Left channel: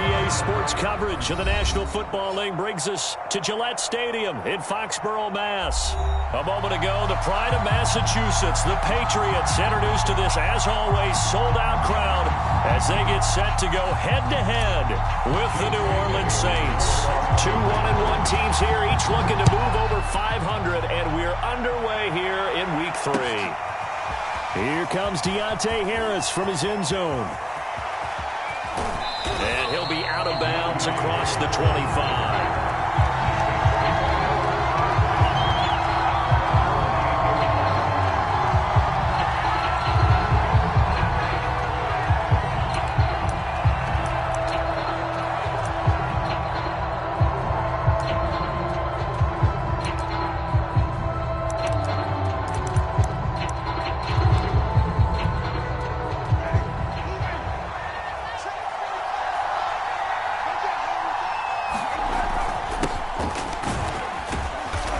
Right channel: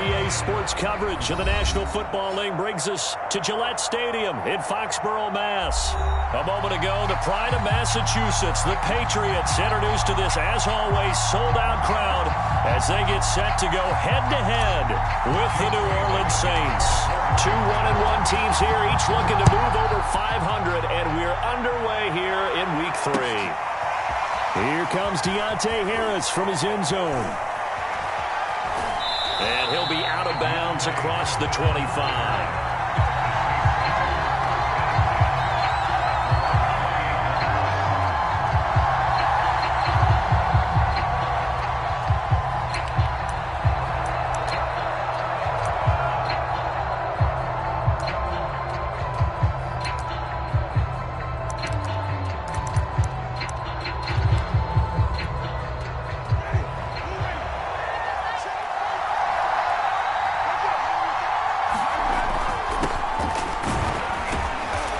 EA Sports coverage of the National Football League brings us to Gillette Stadium in Foxborough, Mass. A moment ago, the pride of Massachusetts, the Patriots, introduced to this, as always, sold-out crowd as they get set to go head-to-head with the New Orleans Saints. Two 1-1 teams here, each looking to move over 500, and we're underway here in Week 3. Here comes Deontay Harris from his end zone. And he'll be out of bounds across the 25.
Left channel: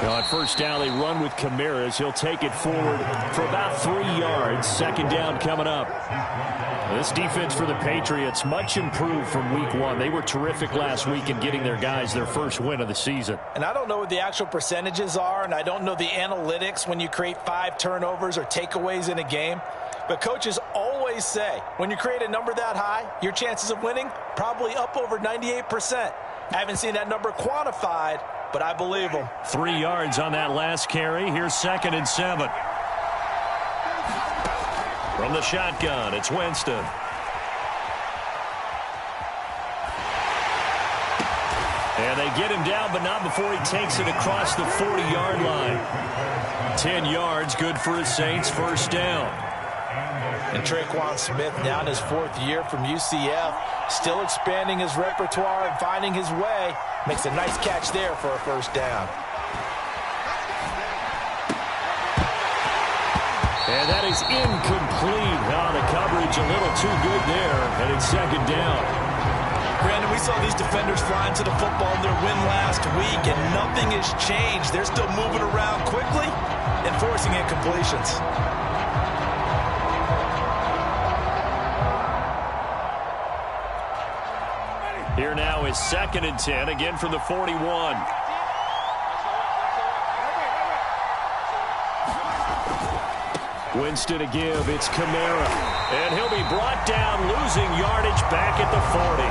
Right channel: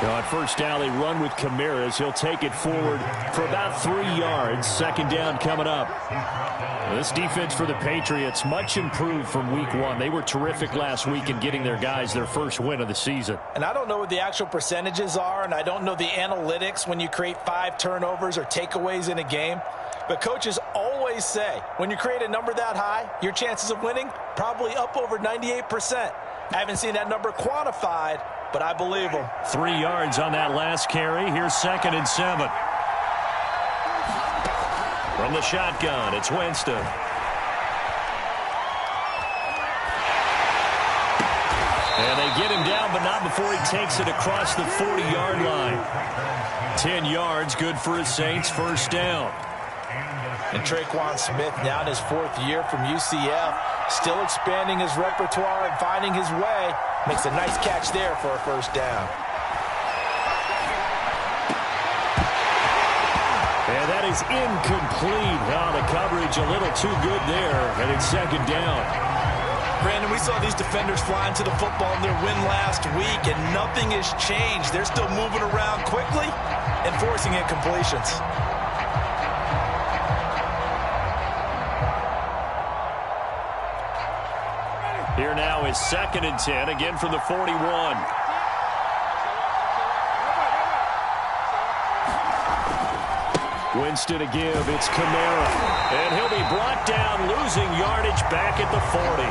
On first down, they run with Kamara. He'll take it forward for about 3 yards. Second down coming up. This defense for the Patriots, much improved from Week 1. They were terrific last week in getting their guys their first win of the season. And I don't know what the actual percentages are, and I don't know the analytics when you create 5 turnovers or takeaways in a game. But coaches always say, when you create a number that high, your chances of winning probably up over 98%. I haven't seen that number quantified, but I believe him. 3 yards on that last carry. Here's 2nd and 7. From the shotgun, it's Winston. And they get him down, but not before he takes it across the 40-yard line. 10 yards, good for his Saints, first down. And Traquan Smith, now in his 4th year from UCF, still expanding his repertoire and finding his way. Makes a nice catch there for a first down. And that is incomplete. Oh, the coverage a little too good there, and it's 2nd down. Brandon, we saw these defenders flying to the football in their win last week, and nothing has changed. They're still moving around quickly and forcing incompletions. Here now is 2nd and 10, again from the 41. Winston to give, it's Kamara. And he'll be brought down, losing yardage back at the 40.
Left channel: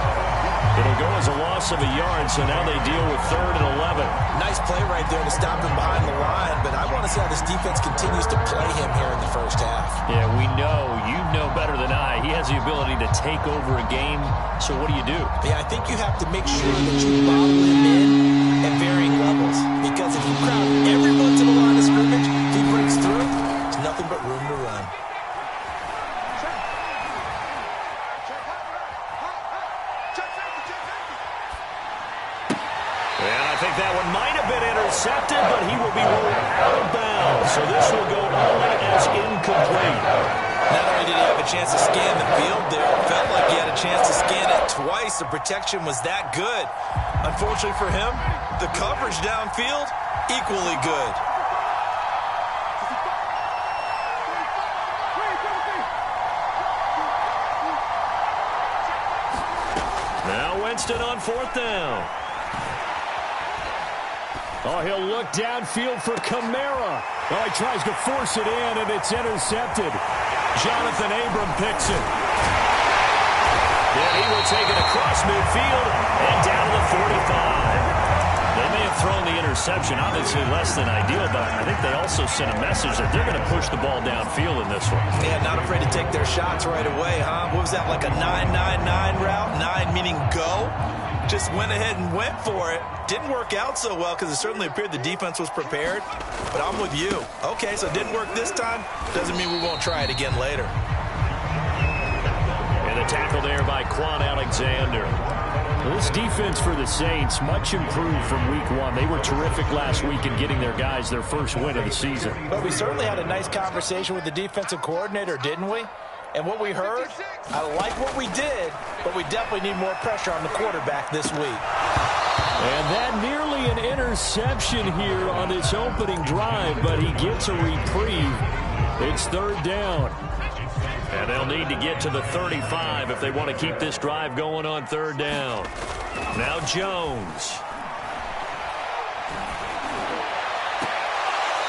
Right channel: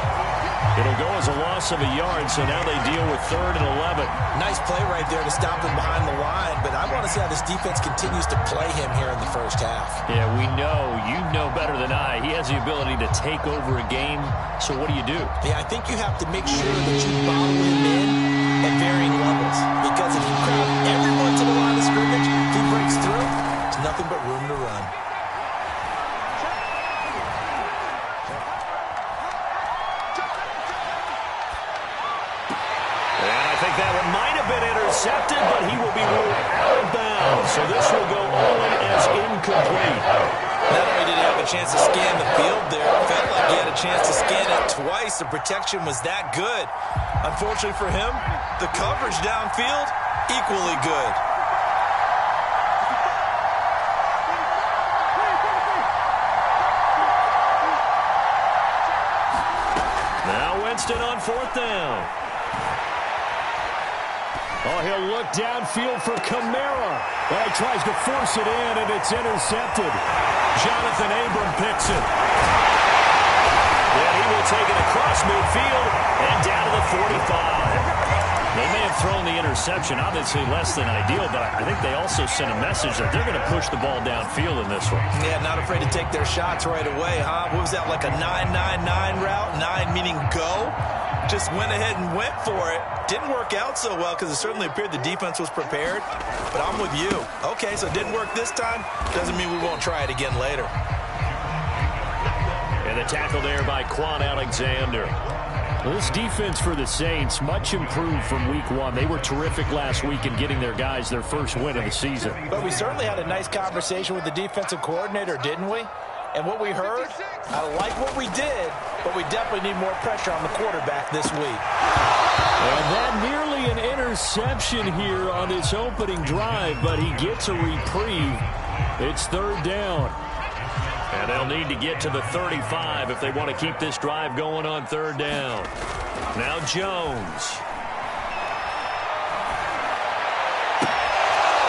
It'll go as a loss of a yard, so now they deal with 3rd and 11. Nice play right there to stop him behind the line, but I want to see how this defense continues to play him here in the first half. Yeah, we know, you know better than I, he has the ability to take over a game, so what do you do? Yeah, I think you have to make sure that you bottle him in at varying levels, because if you crowd everyone to the line of scrimmage, if he breaks through, there's nothing but room to run. And I think that one might have been intercepted, but he will be ruled out of bounds. So this will go only as incomplete. Not only did he have a chance to scan the field there, it felt like he had a chance to scan it twice. The protection was that good. Unfortunately for him, the coverage downfield, equally good. Now Winston on 4th down. Oh, he'll look downfield for Kamara. Oh, he tries to force it in, and it's intercepted. Jonathan Abram picks it. And he will take it across midfield and down to the 45. They may have thrown the interception, obviously less than ideal, but I think they also sent a message that they're going to push the ball downfield in this one. Yeah, not afraid to take their shots right away, huh? What was that, like a 9-9-9 route? 9 meaning go? Just went ahead and went for it. Didn't work out so well because it certainly appeared the defense was prepared. But I'm with you. Okay, so it didn't work this time. Doesn't mean we won't try it again later. And the tackle there by Quan Alexander. Well, this defense for the Saints, much improved from Week 1. They were terrific last week in getting their guys their first win of the season. But we certainly had a nice conversation with the defensive coordinator, didn't we? And what we heard, I like what we did, but we definitely need more pressure on the quarterback this week. And that nearly an interception here on this opening drive, but he gets a reprieve. It's 3rd down. And they'll need to get to the 35 if they want to keep this drive going on third down. Now Jones.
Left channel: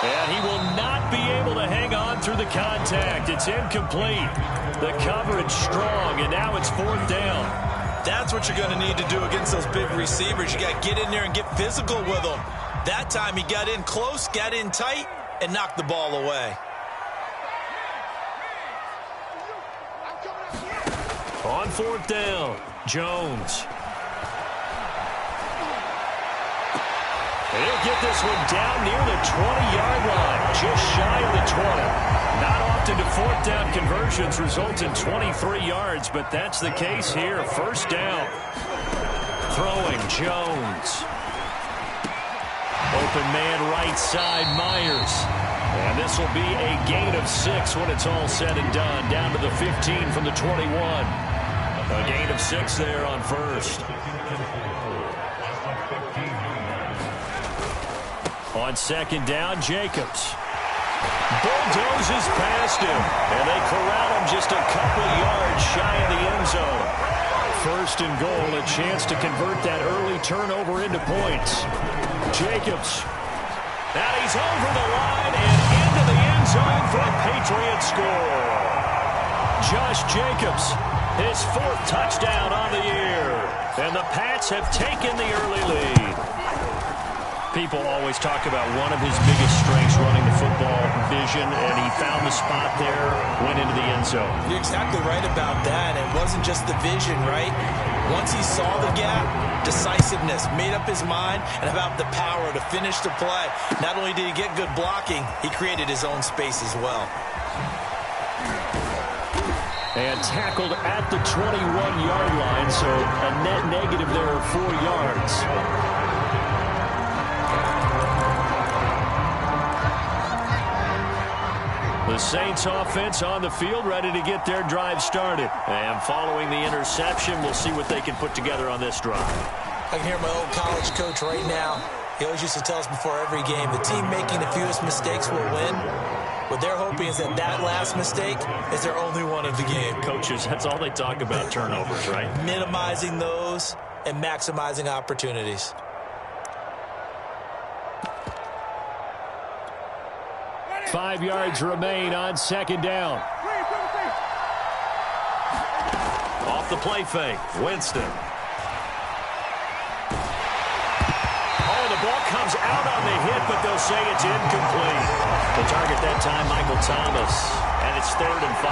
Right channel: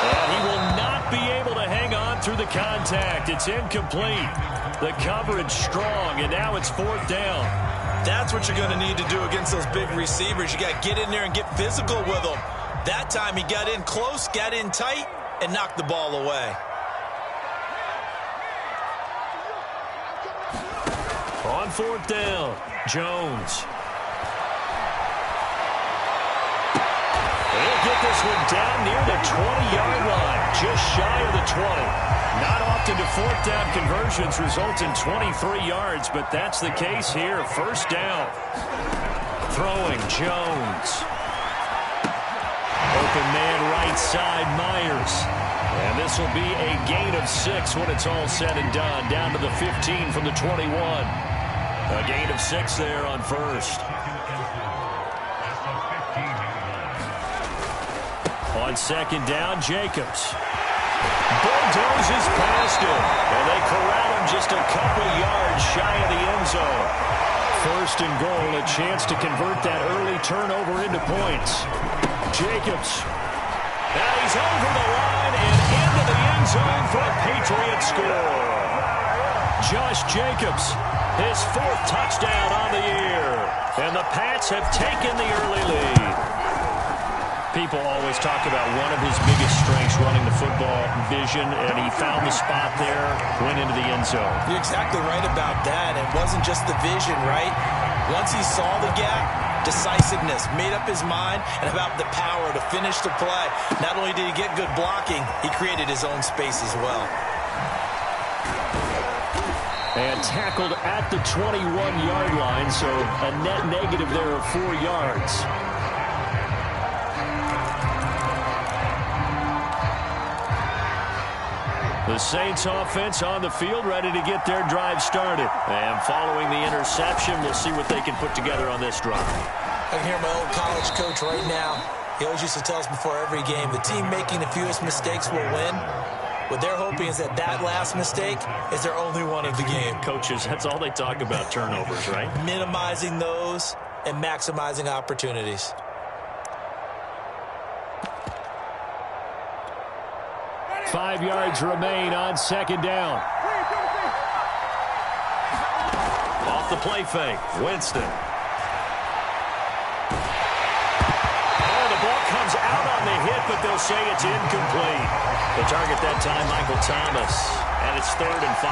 And he will not be able to hang on through the contact. It's incomplete. The coverage strong, and now it's fourth down. That's what you're going to need to do against those big receivers. You got to get in there and get physical with them. That time he got in close, got in tight, and knocked the ball away. On fourth down, Jones. He'll get this one down near the 20-yard line, just shy of the 20. Not often do fourth down conversions result in 23 yards, but that's the case here. First down. Throwing, Jones. Open man right side, Myers. And this will be a gain of 6 when it's all said and done. Down to the 15 from the 21. A gain of 6 there on first. On second down, Jacobs. Bulldozes past him, and they corral him just a couple yards shy of the end zone. First and goal, a chance to convert that early turnover into points. Jacobs. Now he's over the line and into the end zone for a Patriot score. Josh Jacobs, his 4th touchdown on the year. And the Pats have taken the early lead. People always talk about one of his biggest strengths running the football, vision, and he found the spot there, went into the end zone. You're exactly right about that. It wasn't just the vision, right? Once he saw the gap, decisiveness, made up his mind, and about the power to finish the play. Not only did he get good blocking, he created his own space as well. And tackled at the 21-yard line, so a net negative there of 4 yards. The Saints offense on the field, ready to get their drive started. And following the interception, we'll see what they can put together on this drive. I can hear my old college coach right now. He always used to tell us before every game, the team making the fewest mistakes will win. What they're hoping is that last mistake is their only one of the game. Coaches, that's all they talk about, turnovers, right? Minimizing those and maximizing opportunities. Five yards remain on second down. Off the play fake, Winston. Oh, the ball comes out on the hit, but they'll say it's incomplete. The target that time, Michael Thomas, and it's 3rd and 5.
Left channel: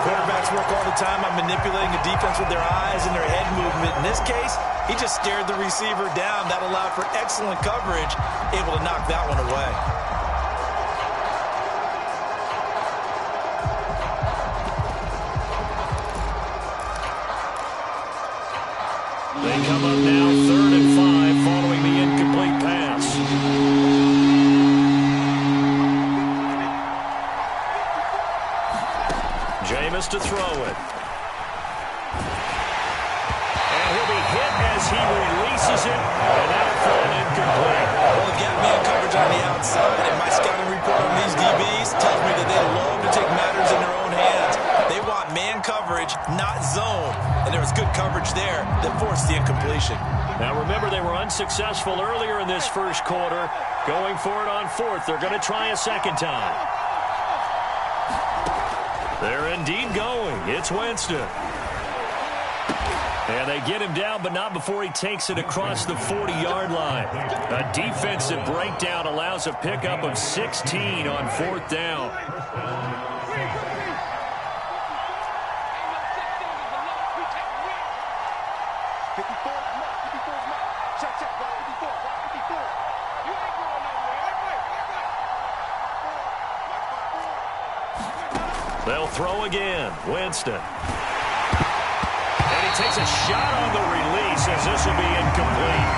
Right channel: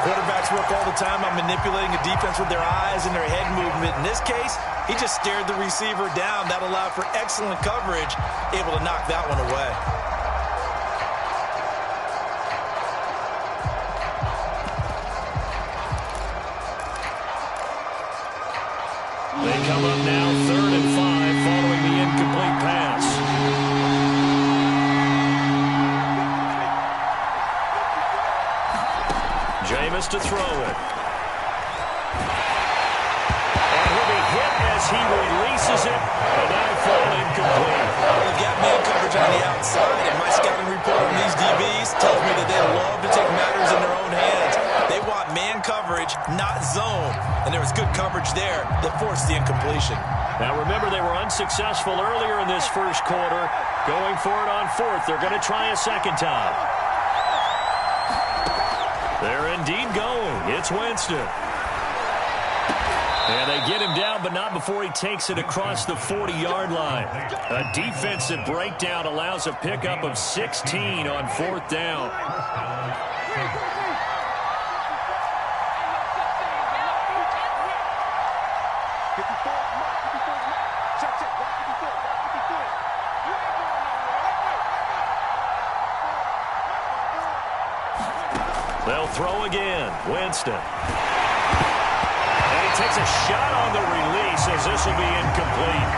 Quarterbacks work all the time on manipulating a defense with their eyes and their head movement. In this case, he just stared the receiver down. That allowed for excellent coverage, able to knock that one away. They come up now 3rd and 5 following the incomplete pass. Jameis to throw it. And he'll be hit as he releases it, and that'll fall incomplete. Well, they've got man coverage on the outside, and my scouting report on these DBs tells me that they love to take matters in their own hands. They want man coverage, not zone. And there was good coverage there that forced the incompletion. Now, remember, they were unsuccessful earlier in this first quarter. Going for it on 4th. They're going to try a second time. They're indeed going. It's Winston. And they get him down, but not before he takes it across the 40-yard line. A defensive breakdown allows a pickup of 16 on 4th down. They'll throw again. Winston. And he takes a shot on the release as this will be incomplete.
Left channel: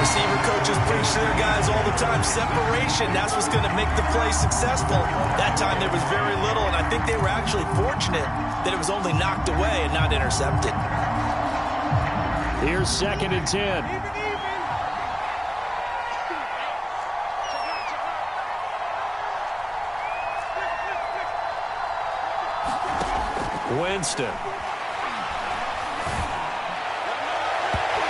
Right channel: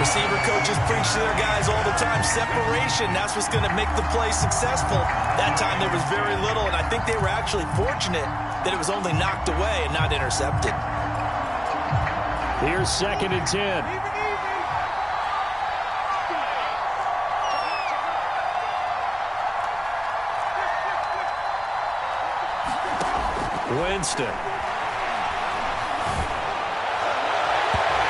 Receiver coaches preach to their guys all the time. Separation, that's what's going to make the play successful. That time there was very little, and I think they were actually fortunate that it was only knocked away and not intercepted. Here's 2nd and 10. Winston.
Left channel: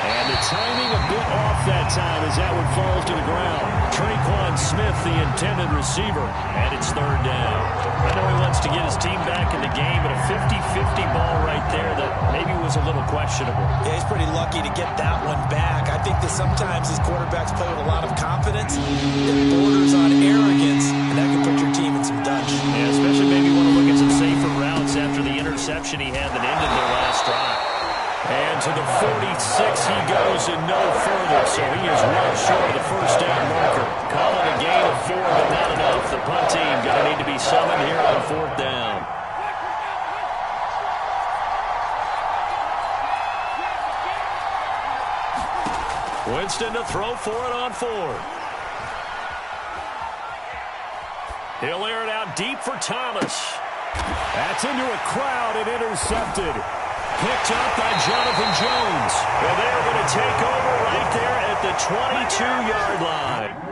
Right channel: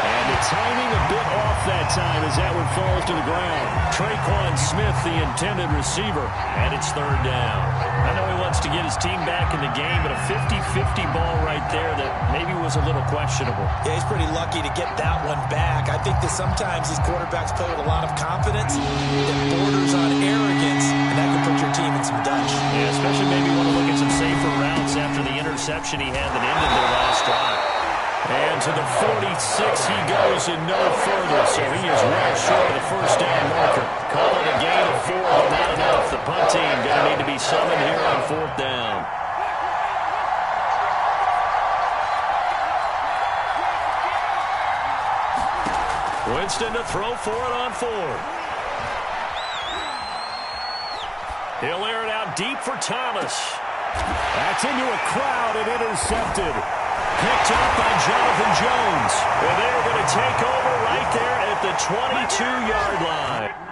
And the timing a bit off that time as that one falls to the ground. Traquan Smith, the intended receiver, and it's third down. I know he wants to get his team back in the game, but a 50-50 ball right there that maybe was a little questionable. Yeah, he's pretty lucky to get that one back. I think that sometimes these quarterbacks play with a lot of confidence that borders on arrogance, and that can put your team in some dutch. Yeah, especially maybe want to look at some safer routes after the interception he had that ended their last drive. And to the 46 he goes and no further, so he is well short of the first down marker. Call it a gain of 4, but not enough. The punt team going to need to be summoned here on fourth down. Winston to throw for it on 4th. He'll air it out deep for Thomas. That's into a crowd and intercepted. Picked up by Jonathan Jones. And they're going to take over right there at the 22-yard line.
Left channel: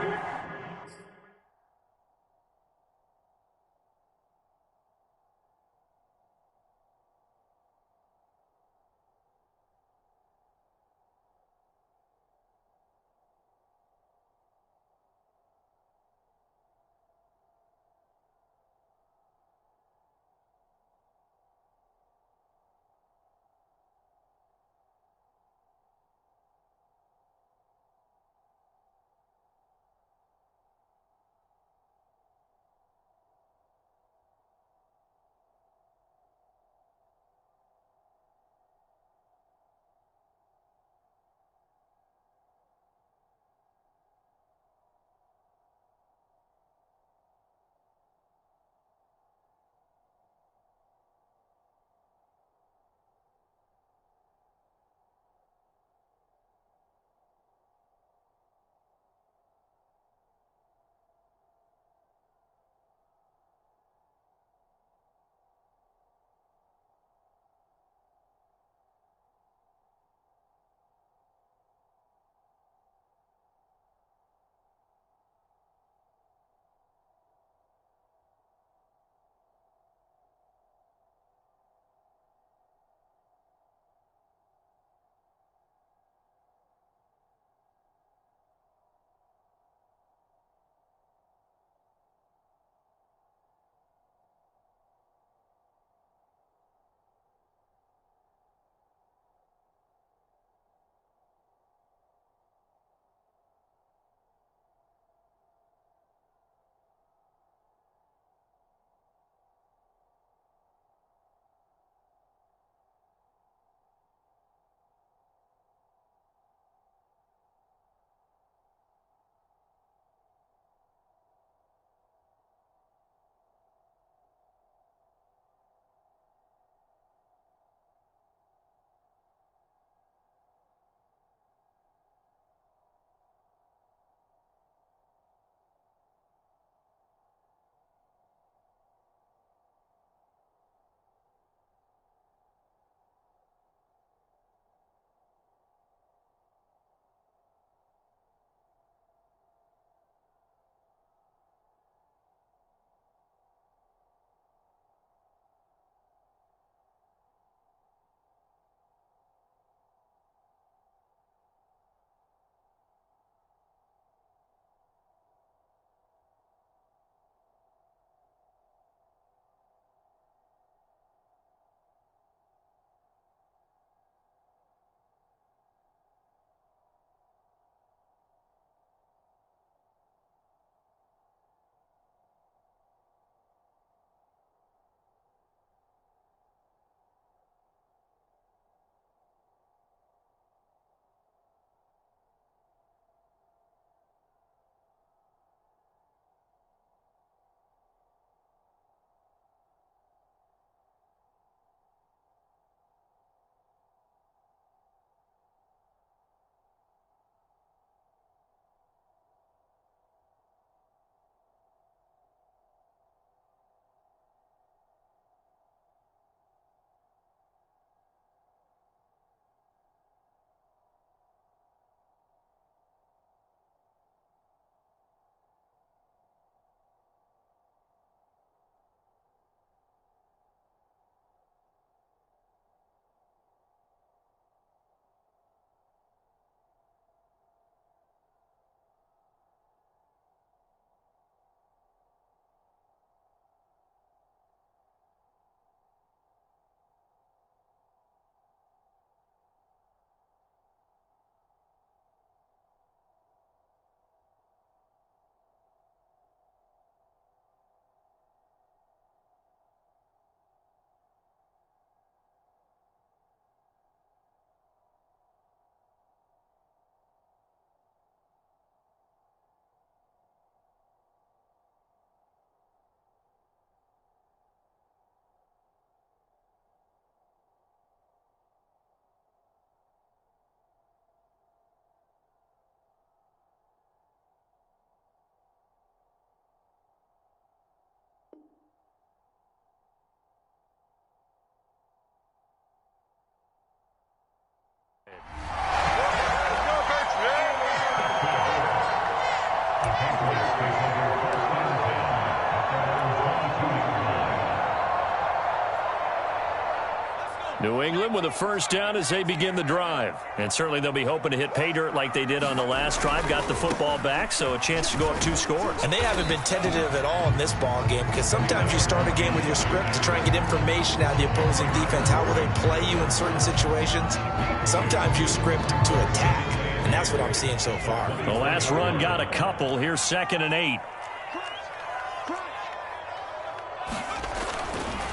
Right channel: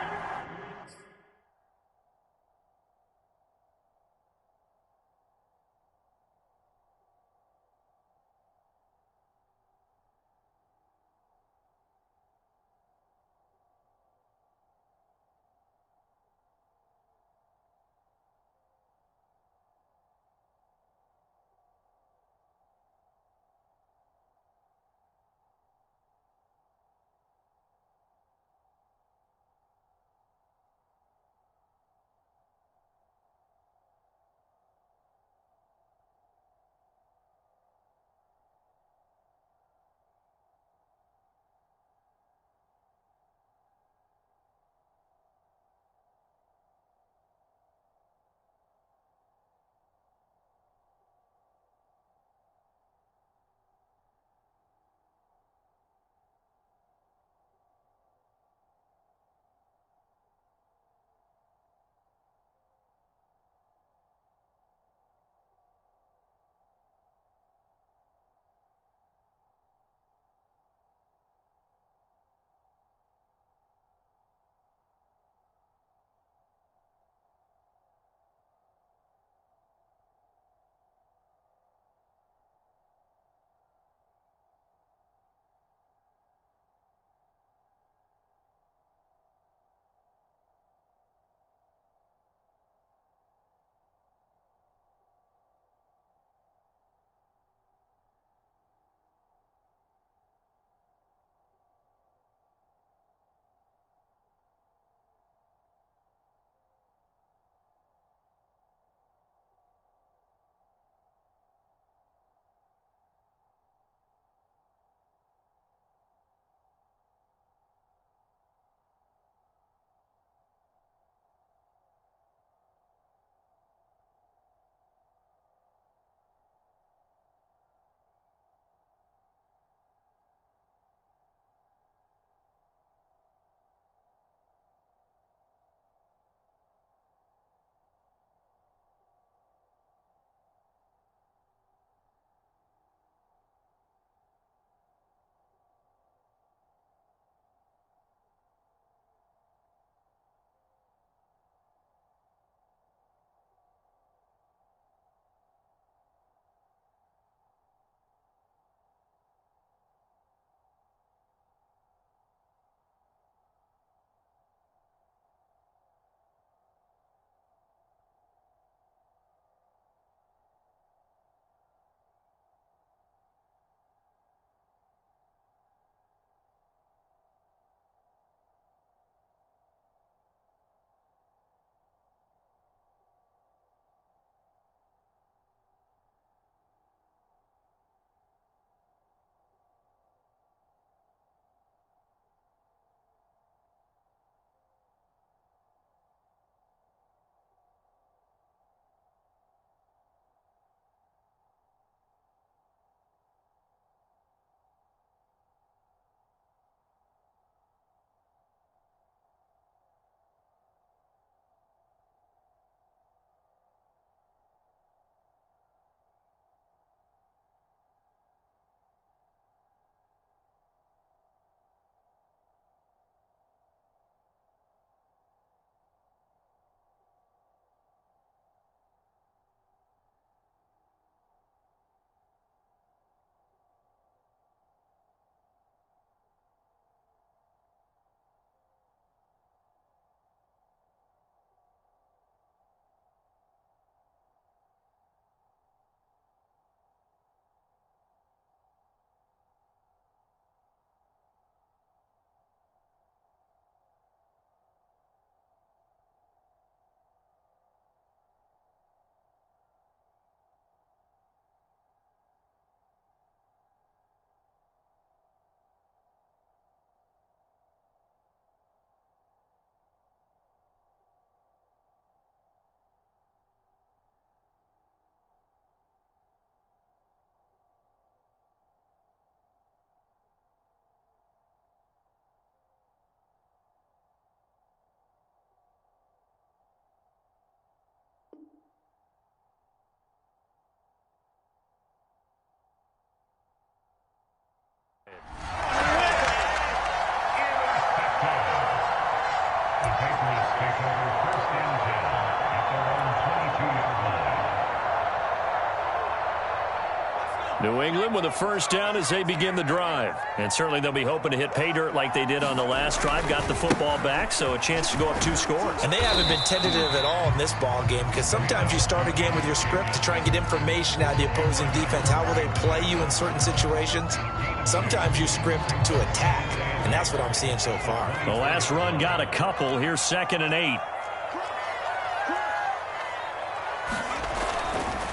New England with a first down as they begin the drive. And certainly they'll be hoping to hit pay dirt like they did on the last drive. Got the football back, so a chance to go up 2 scores. And they haven't been tentative at all in this ball game, because sometimes you start a game with your script to try and get information out of the opposing defense. How will they play you in certain situations? Sometimes you script to attack, and that's what I'm seeing so far. The last run got a couple. Here's 2nd and 8.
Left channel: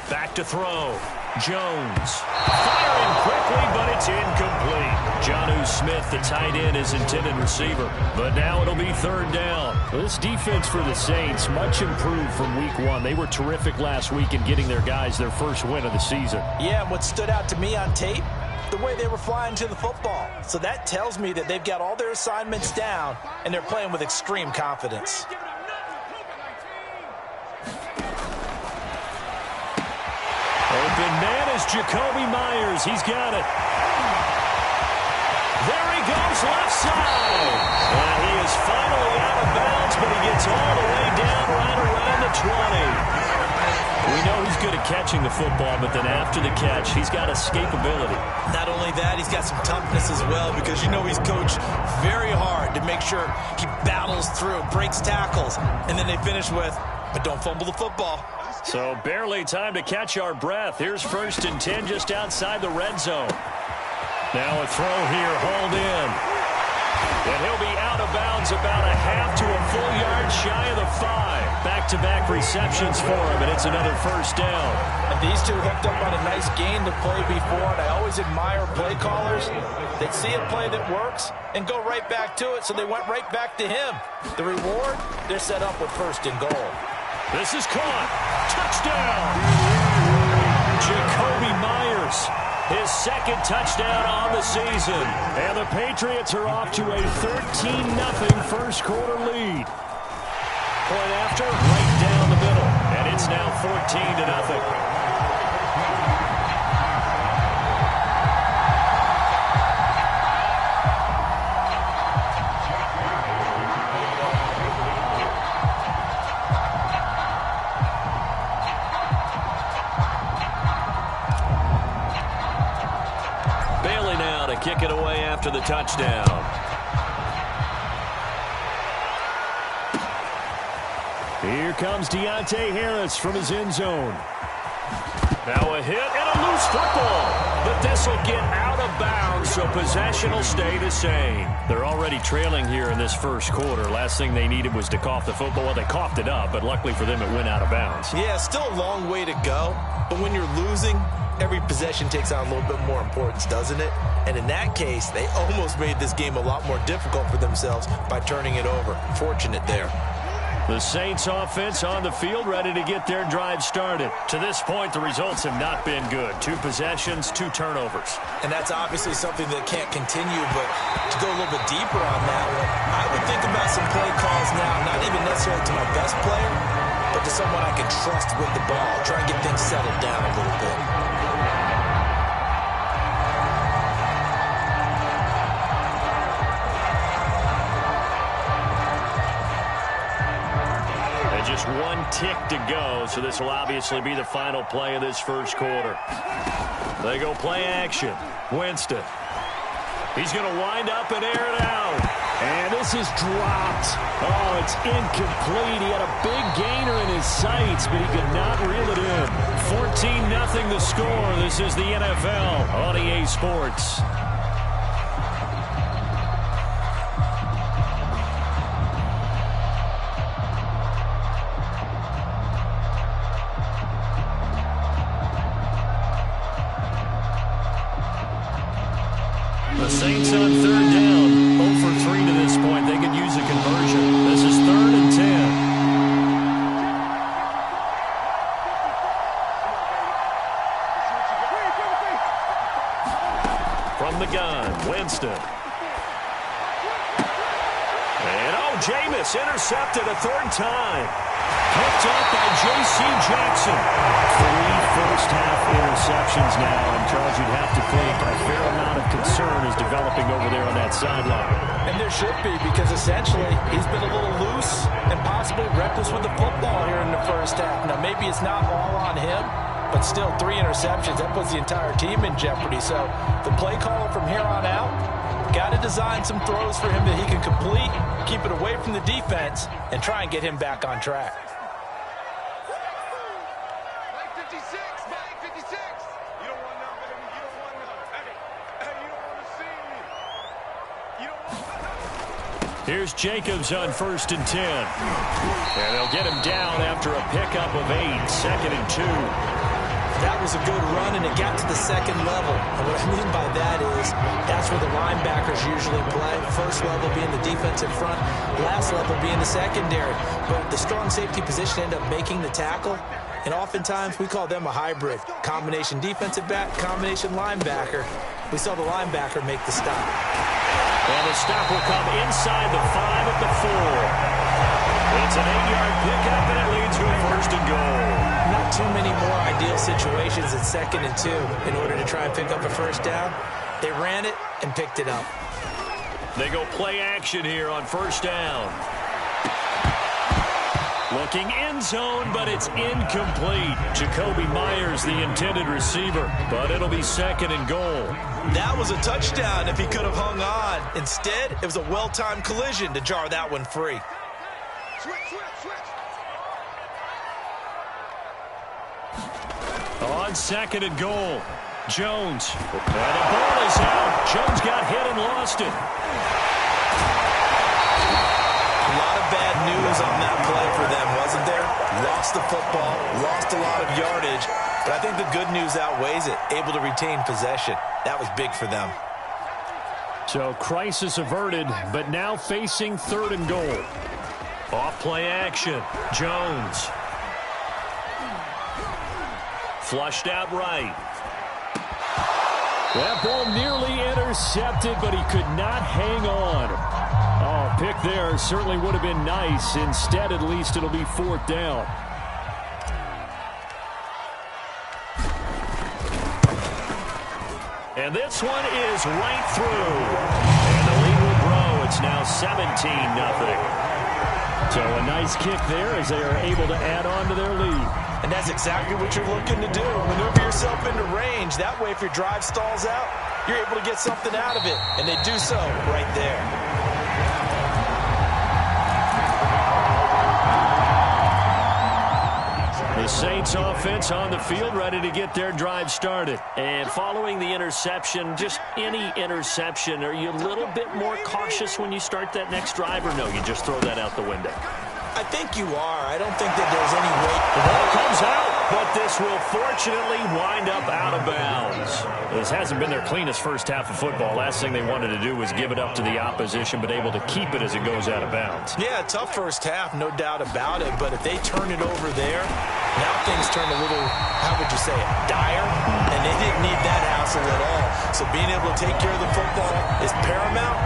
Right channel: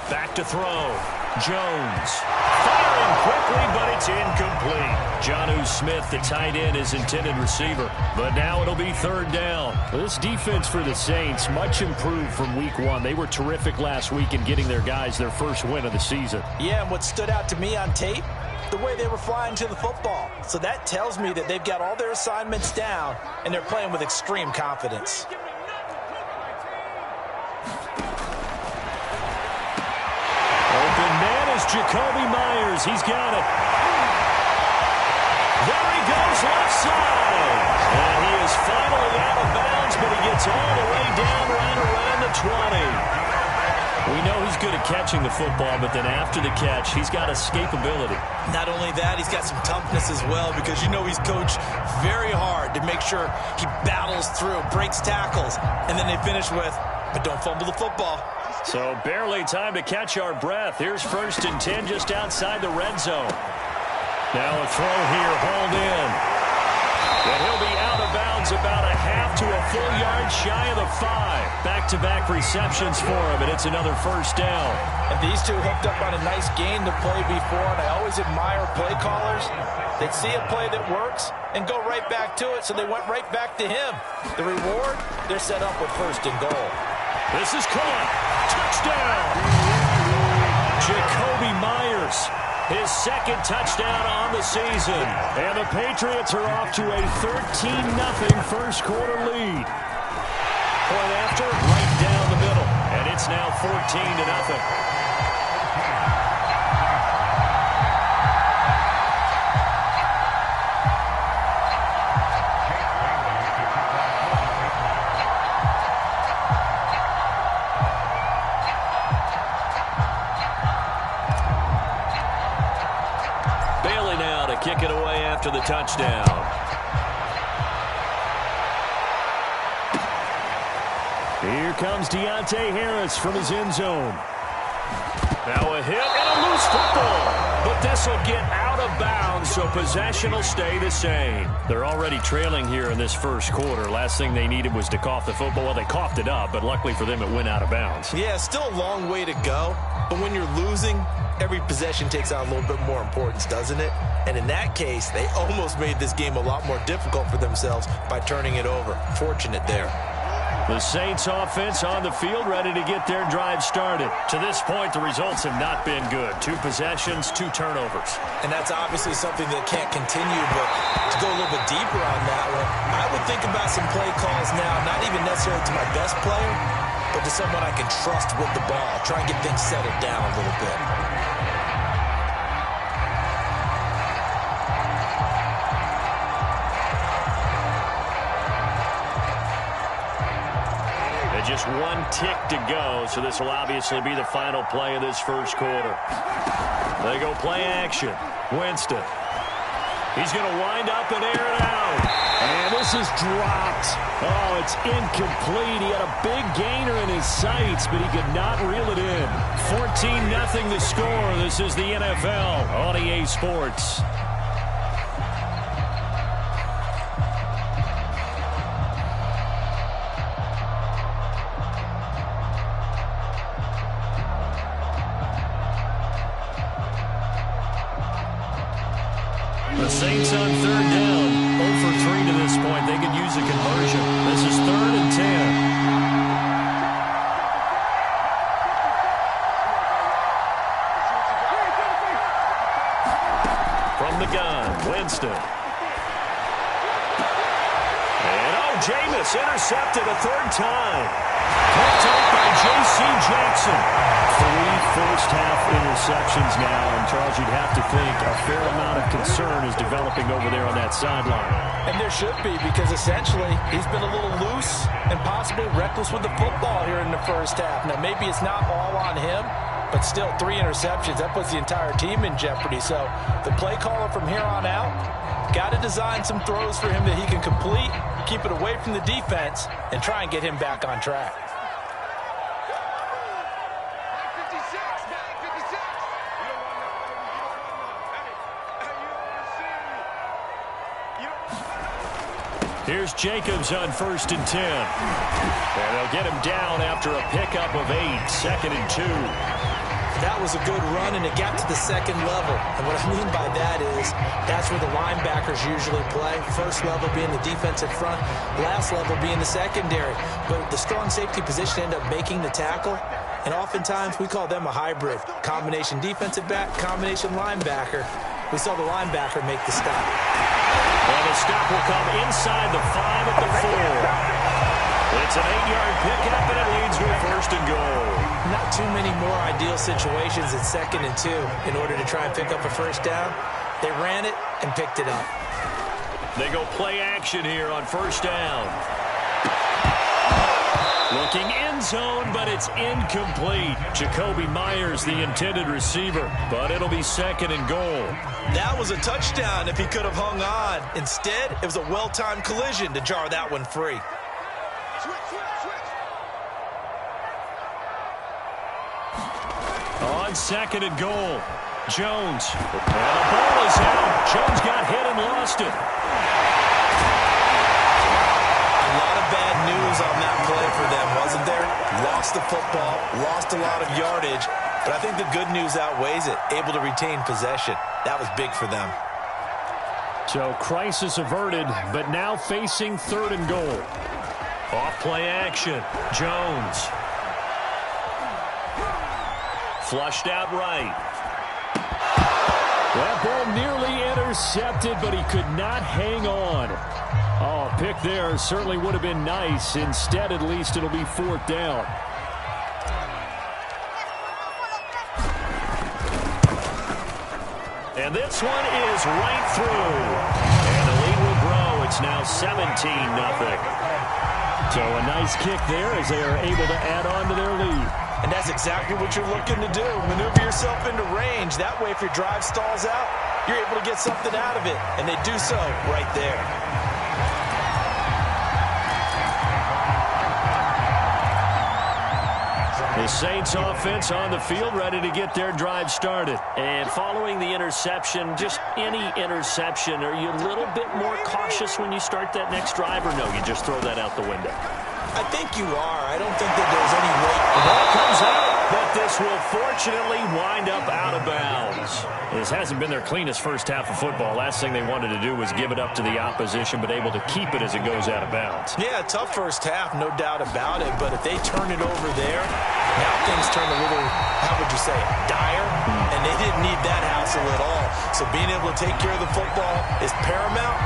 Back to throw. Jones firing quickly, but it's incomplete. Jonnu Smith, the tight end, is intended receiver. But now it'll be 3rd down. This defense for the Saints, much improved from week 1. They were terrific last week in getting their guys their first win of the season. Yeah, and what stood out to me on tape, the way they were flying to the football. So that tells me that they've got all their assignments down, and they're playing with extreme confidence. Open man is Jacoby Myers. He's got it. There he goes, left side. And he is finally out of bounds, but he gets all the way down right around the 20. We know he's good at catching the football, but then after the catch, he's got escapability. Not only that, he's got some toughness as well, because you know he's coached very hard to make sure he battles through, breaks tackles, and then they finish with, but don't fumble the football. So barely time to catch our breath. Here's 1st and 10 just outside the red zone. Now a throw here, hauled in. And he'll be out of bounds about a half to a full yard shy of the 5. Back-to-back receptions for him, and it's another 1st down. And these two hooked up on a nice gain to play before, and I always admire play callers. They'd see a play that works and go right back to it, so they went right back to him. The reward, they're set up with 1st and goal. This is caught. Touchdown. Jacoby Myers, his 2nd touchdown on the season. And the Patriots are off to a 13-0 first quarter lead. Point after, right down the middle. And it's now 14-0. Kick it away after the touchdown. Here comes Deontay Harris from his end zone. Now a hit and a loose football. But this will get out of bounds, so possession will stay the same. They're already trailing here in this first quarter. Last thing they needed was to cough the football. Well, they coughed it up, but luckily for them, it went out of bounds. Yeah, still a long way to go. But when you're losing, every possession takes on a little bit more importance, doesn't it? And in that case, they almost made this game a lot more difficult for themselves by turning it over. Fortunate there. The Saints offense on the field, ready to get their drive started. To this point, the results have not been good. 2 possessions, 2 turnovers. And that's obviously something that can't continue, but to go a little bit deeper on that one, I would think about some play calls now, not even necessarily to my best player, but to someone I can trust with the ball. Try and get things settled down a little bit. Just 1 tick to go, so this will obviously be the final play of this first quarter. They go play action. Winston. He's going to wind up and air it out. And this is dropped. Oh, it's incomplete. He had a big gainer in his sights, but he could not reel it in. 14-0 the score. This is the NFL on EA Sports. The Saints on 3rd down, 0 for 3 to this point. They could use a conversion. This is 3rd and 10. From the gun, Winston. And Jameis intercepted a 3rd time. Picked up by J.C. Jackson. 3 first-half interceptions now, and Charles, you'd have to think a fair amount of concern is developing over there on that sideline. And there should be, because essentially he's been a little loose and possibly reckless with the football here in the first half. Now, maybe it's not all on him, but still 3 interceptions. That puts the entire team in jeopardy. So the play caller from here on out got to design some throws for him that he can complete, keep it away from the defense, and try and get him back on track. Here's Jacobs on 1st and 10. And they'll get him down after a pickup of 8, 2nd and 2. That was a good run, and it got to the second level. And what I mean by that is that's where the linebackers usually play. First level being the defensive front, last level being the secondary. But the strong safety position ended up making the tackle, and oftentimes we call them a hybrid. Combination defensive back, combination linebacker. We saw the linebacker make the stop. And the stop will come inside the 5 at the 4. It's an 8-yard pickup, and it leads to a 1st and goal. Not too many more ideal situations at 2nd and 2 in order to try and pick up a 1st down. They ran it and picked it up. They go play action here on 1st down. Looking end zone, but it's incomplete. Jacoby Myers, the intended receiver, but it'll be 2nd and goal. That was a touchdown if he could have hung on. Instead, it was a well-timed collision to jar that one free. On 2nd and goal, Jones. And the ball is out. Jones got hit and lost it. A lot of bad news on that play for them, wasn't there? Lost the football, lost a lot of yardage, but I think the good news outweighs it. Able to retain possession. That was big for them. So crisis averted, but now facing 3rd and goal. Off play action, Jones. Flushed out right. That ball nearly intercepted, but he could not hang on. Oh, pick there certainly would have been nice. Instead, at least, it'll be 4th down. And this one is right through. And the lead will grow. It's now 17-0. So a nice kick there as they are able to add on to their lead. And that's exactly what you're looking to do. Maneuver yourself into range. That way, if your drive stalls out, you're able to get something out of it. And they do so right there. The Saints offense on the field, ready to get their drive started. And following the interception, just any interception, are you a little bit more cautious when you start that next drive, or no, you just throw that out the window? I think you are. I don't think that there's any weight. The ball comes out, but this will fortunately wind up out of bounds. This hasn't been their cleanest first half of football. Last thing they wanted to do was give it up to the opposition, but able to keep it as it goes out of bounds. Yeah, tough first half, no doubt about it. But if they turn it over there, now things turn a little, how would you say it, dire? And they didn't need that hassle at all. So being able to take care of the football is paramount.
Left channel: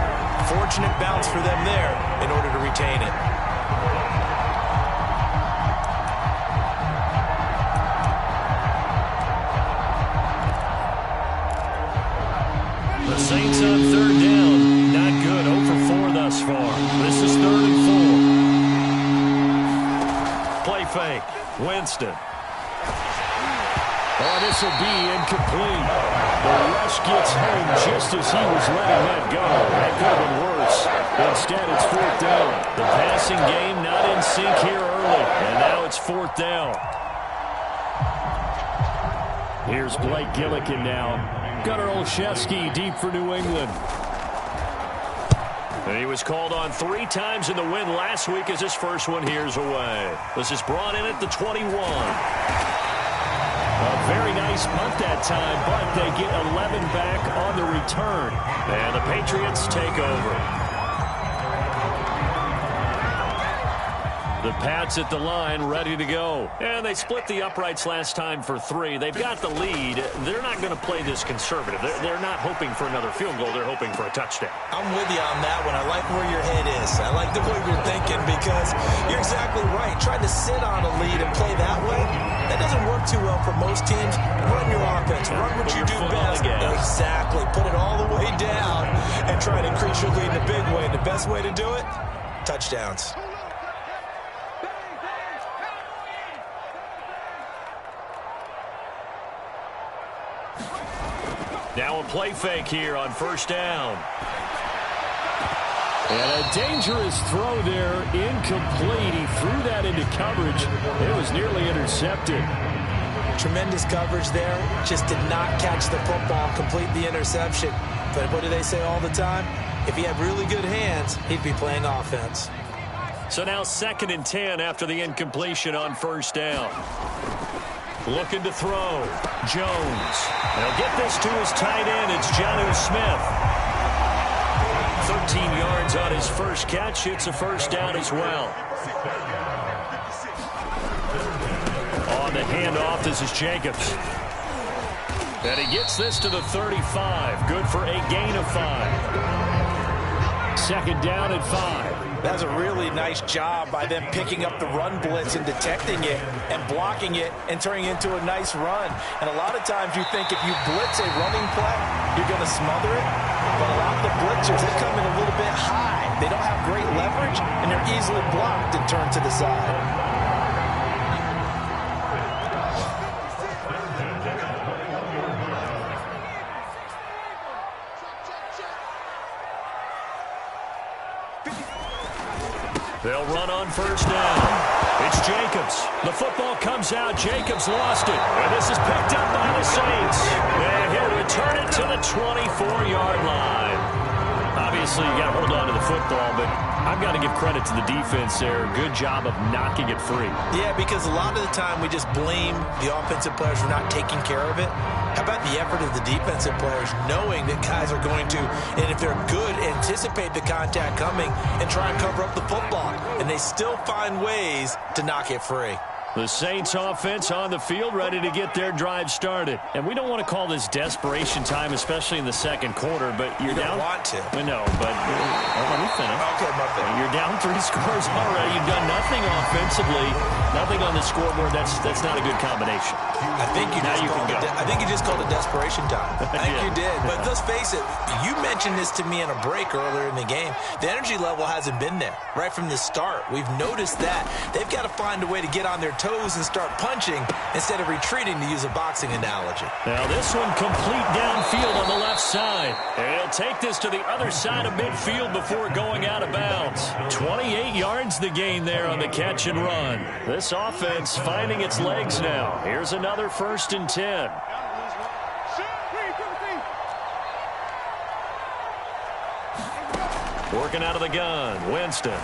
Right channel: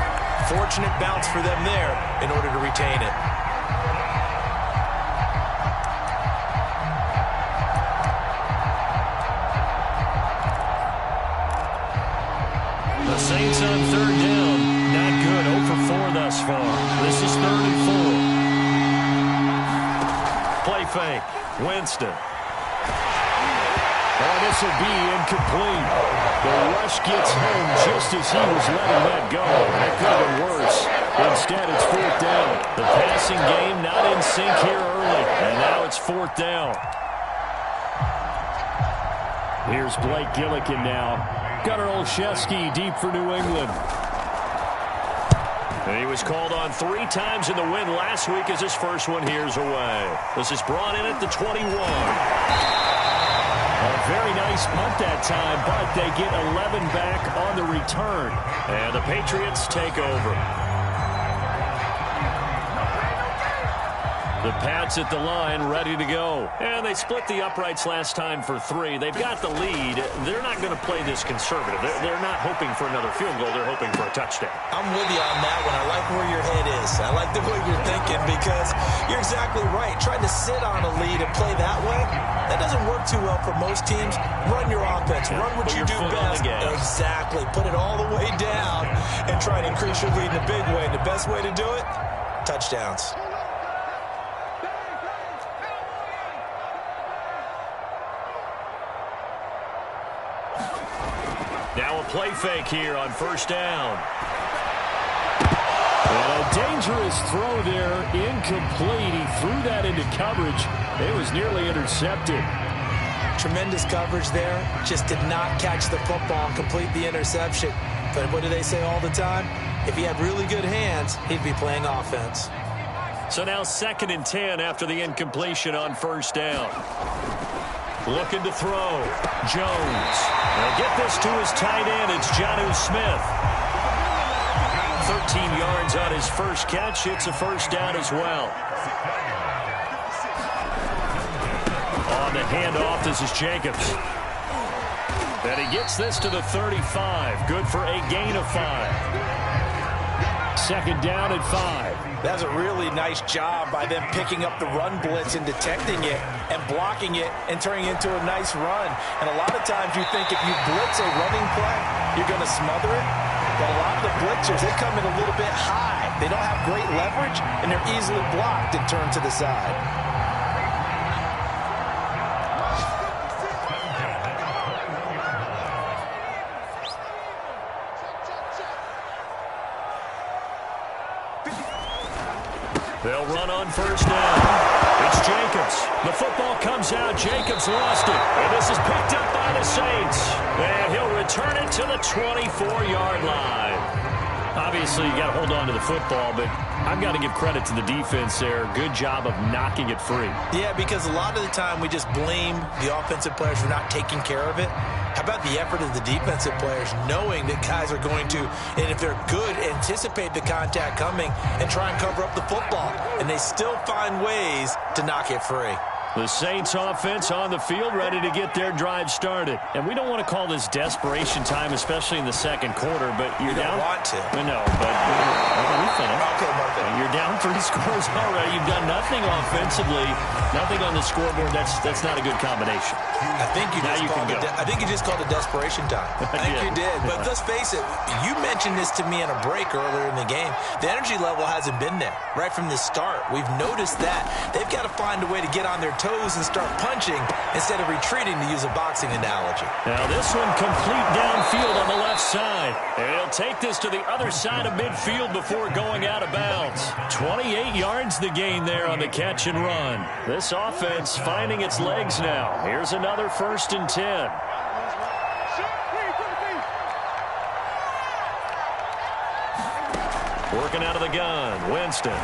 Fortunate bounce for them there in order to retain it. The Saints on 3rd down. Not good. 0 for 4 thus far. This is 3rd and 4. Play fake. Winston. Oh, this will be incomplete. The rush gets home just as he was letting that go. That could have been worse. Instead, it's 4th down. The passing game not in sync here early. And now it's 4th down. Here's Blake Gillikin now. Gunnar Olszewski deep for New England. And he was called on 3 times in the win last week as his first one here's away. This is brought in at the 21. A very nice punt that time, but they get 11 back on the return. And the Patriots take over. The Pats at the line, ready to go. And they split the uprights last time for 3. They've got the lead. They're not going to play this conservative. They're not hoping for another field goal. They're hoping for a touchdown. I'm with you on that one. I like where your head is. I like the way you're thinking because you're exactly right. Trying to sit on a lead and play that way, that doesn't work too well for most teams. Run your offense. Yeah, run what you do best. Exactly. Put it all the way down and try to increase your lead in a big way. And the best way to do it, touchdowns. Now a play fake here on first down. And a dangerous throw there, incomplete. He threw that into coverage. It was nearly intercepted. Tremendous coverage there. Just did not catch the football and complete the interception. But what do they say all the time? If he had really good hands, he'd be playing offense. So now 2nd and 10 after the incompletion on first down. Looking to throw. Jones. They'll get this to his tight end. It's Jonnu Smith. 13 yards on his first catch. It's a first down as well. On the handoff, this is Jacobs. And he gets this to the 35. Good for a gain of 5. 2nd down at 5. That's a really nice job by them picking up the run blitz and detecting it and blocking it and turning it into a nice run. And a lot of times you think if you blitz a running play, you're going to smother it. But a lot of the blitzers, they come in a little bit high. They don't have great leverage, and they're easily blocked and turned to the side. They'll run on first down. It's Jacobs. The football comes out. Jacobs lost it. And this is picked up by the Saints. And he'll return it to the 24-yard line. Obviously, you got to hold on to the football, but I've got to give credit to the defense there. Good job of knocking it free. Yeah, because a lot of the time we just blame the offensive players for not taking care of it. How about the effort of the defensive players knowing that guys are going to, and if they're good, anticipate the contact coming and try and cover up the football. And they still find ways to knock it free. The Saints offense on the field ready to get their drive started. And we don't want to call this desperation time, especially in the second quarter, but you're down. You don't want to. No, but let me finish. Okay, my bad. You're down 3 scores already. You've done nothing offensively, nothing on the scoreboard. That's not a good combination. I think you just called it desperation time. I think you did. But let's face it, you mentioned this to me in a break earlier in the game. The energy level hasn't been there right from the start. We've noticed that. They've got to find a way to get on their toes and start punching instead of retreating, to use a boxing analogy. Now this one complete downfield on the left side. And he'll take this to the other side of midfield before going out of bounds. 28 yards the gain there on the catch and run. This offense finding its legs now. Here's another 1st and 10. Working out of the gun, Winston.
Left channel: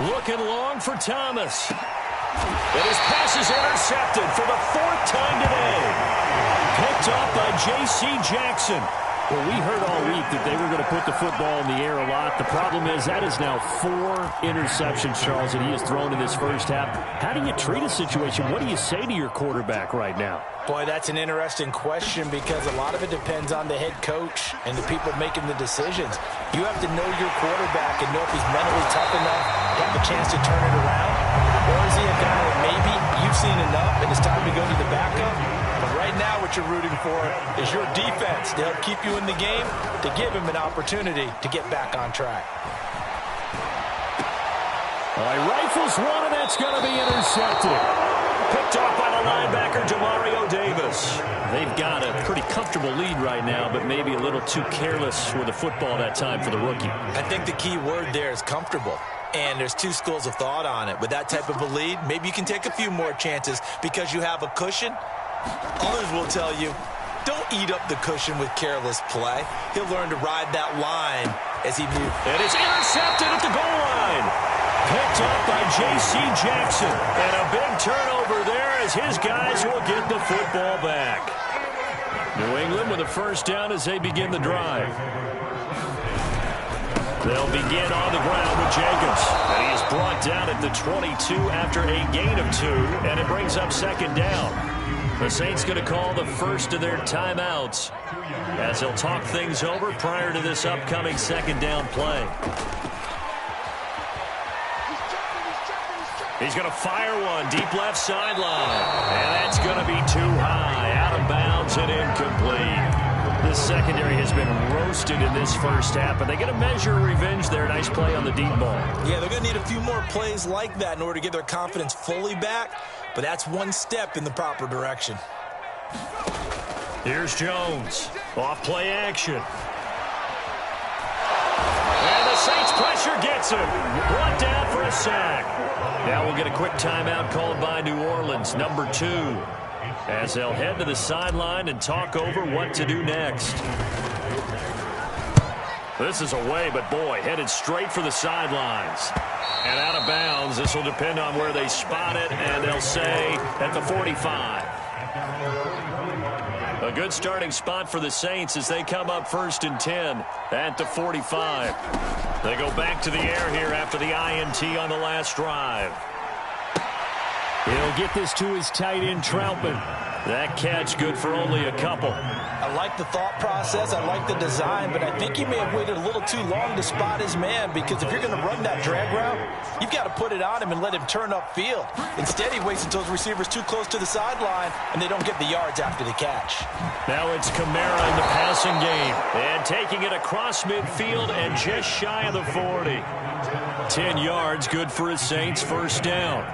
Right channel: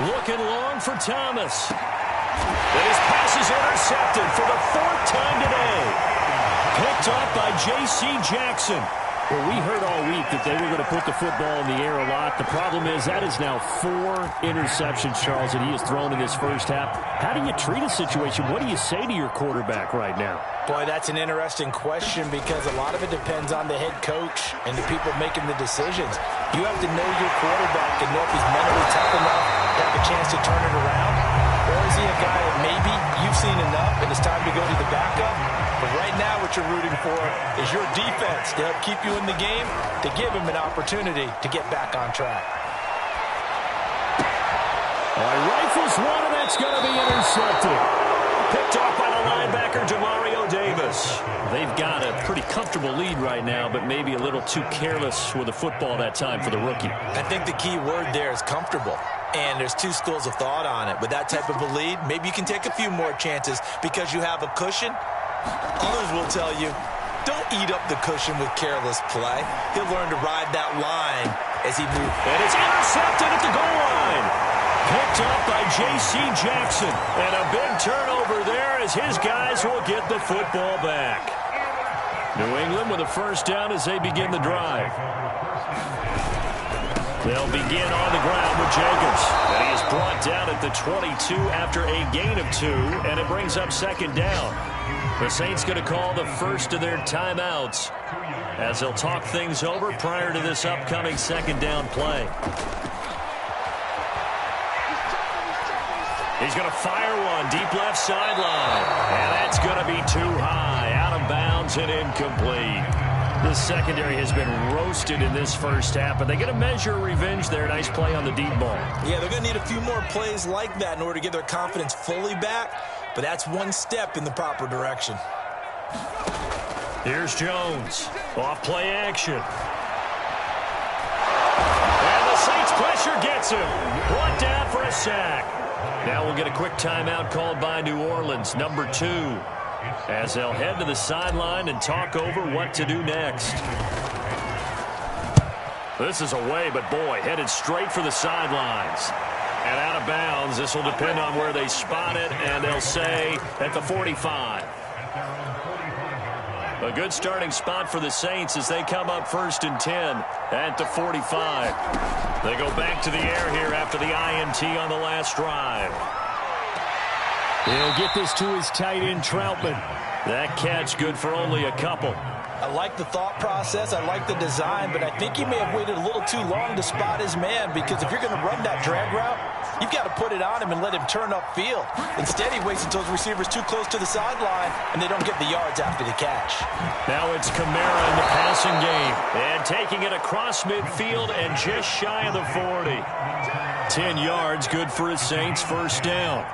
Looking long for Thomas. And his pass is intercepted for the 4th time today. Picked off by J.C. Jackson. Well, we heard all week that they were going to put the football in the air a lot. The problem is that is now 4 interceptions, Charles, that he has thrown in this first half. How do you treat a situation? What do you say to your quarterback right now? Boy, that's an interesting question because a lot of it depends on the head coach and the people making the decisions. You have to know your quarterback and know if he's mentally tough enough to have a chance to turn it around. Or is he a guy that maybe you've seen enough and it's time to go to the backup? But right now what you're rooting for is your defense to help keep you in the game, to give him an opportunity to get back on track. All right, rifles one, and that's going to be intercepted. Picked off by the linebacker, Demario Davis. They've got a pretty comfortable lead right now, but maybe a little too careless with the football that time for the rookie. I think the key word there is comfortable. And there's 2 schools of thought on it. With that type of a lead, maybe you can take a few more chances because you have a cushion. Others will tell you, don't eat up the cushion with careless play. He'll learn to ride that line as he moves. And it's intercepted at the goal line. Picked up by J.C. Jackson. And a big turnover there as his guys will get the football back. New England with a first down as they begin the drive. They'll begin on the ground with Jacobs. And he is brought down at the 22 after a gain of 2. And it brings up 2nd down. The Saints going to call the first of their timeouts as they'll talk things over prior to this upcoming 2nd down play. He's going to fire one deep left sideline. And that's going to be too high. Out of bounds and incomplete. This secondary has been roasted in this first half, but they get a measure of revenge there. Nice play on the deep ball. Yeah, they're going to need a few more plays like that in order to get their confidence fully back, but that's one step in the proper direction. Here's Jones. Off play action. And the Saints pressure gets him. Brought down for a sack. Now we'll get a quick timeout called by New Orleans, number 2, as they'll head to the sideline and talk over what to do next. This is away, but boy, headed straight for the sidelines. And out of bounds. This will depend on where they spot it, and they'll say at the 45. A good starting spot for the Saints as they come up 1st and 10 at the 45. They go back to the air here after the INT on the last drive. He'll get this to his tight end, Troutman. That catch good for only a couple. I like the thought process. I like the design, but I think he may have waited a little too long to spot his man, because if you're going to run that drag route, you've got to put it on him and let him turn upfield. Instead, he waits until his receiver's too close to the sideline, and they don't get the yards after the catch. Now it's Kamara in the passing game, and taking it across midfield and just shy of the 40. 10 yards, good for his Saints, 1st down.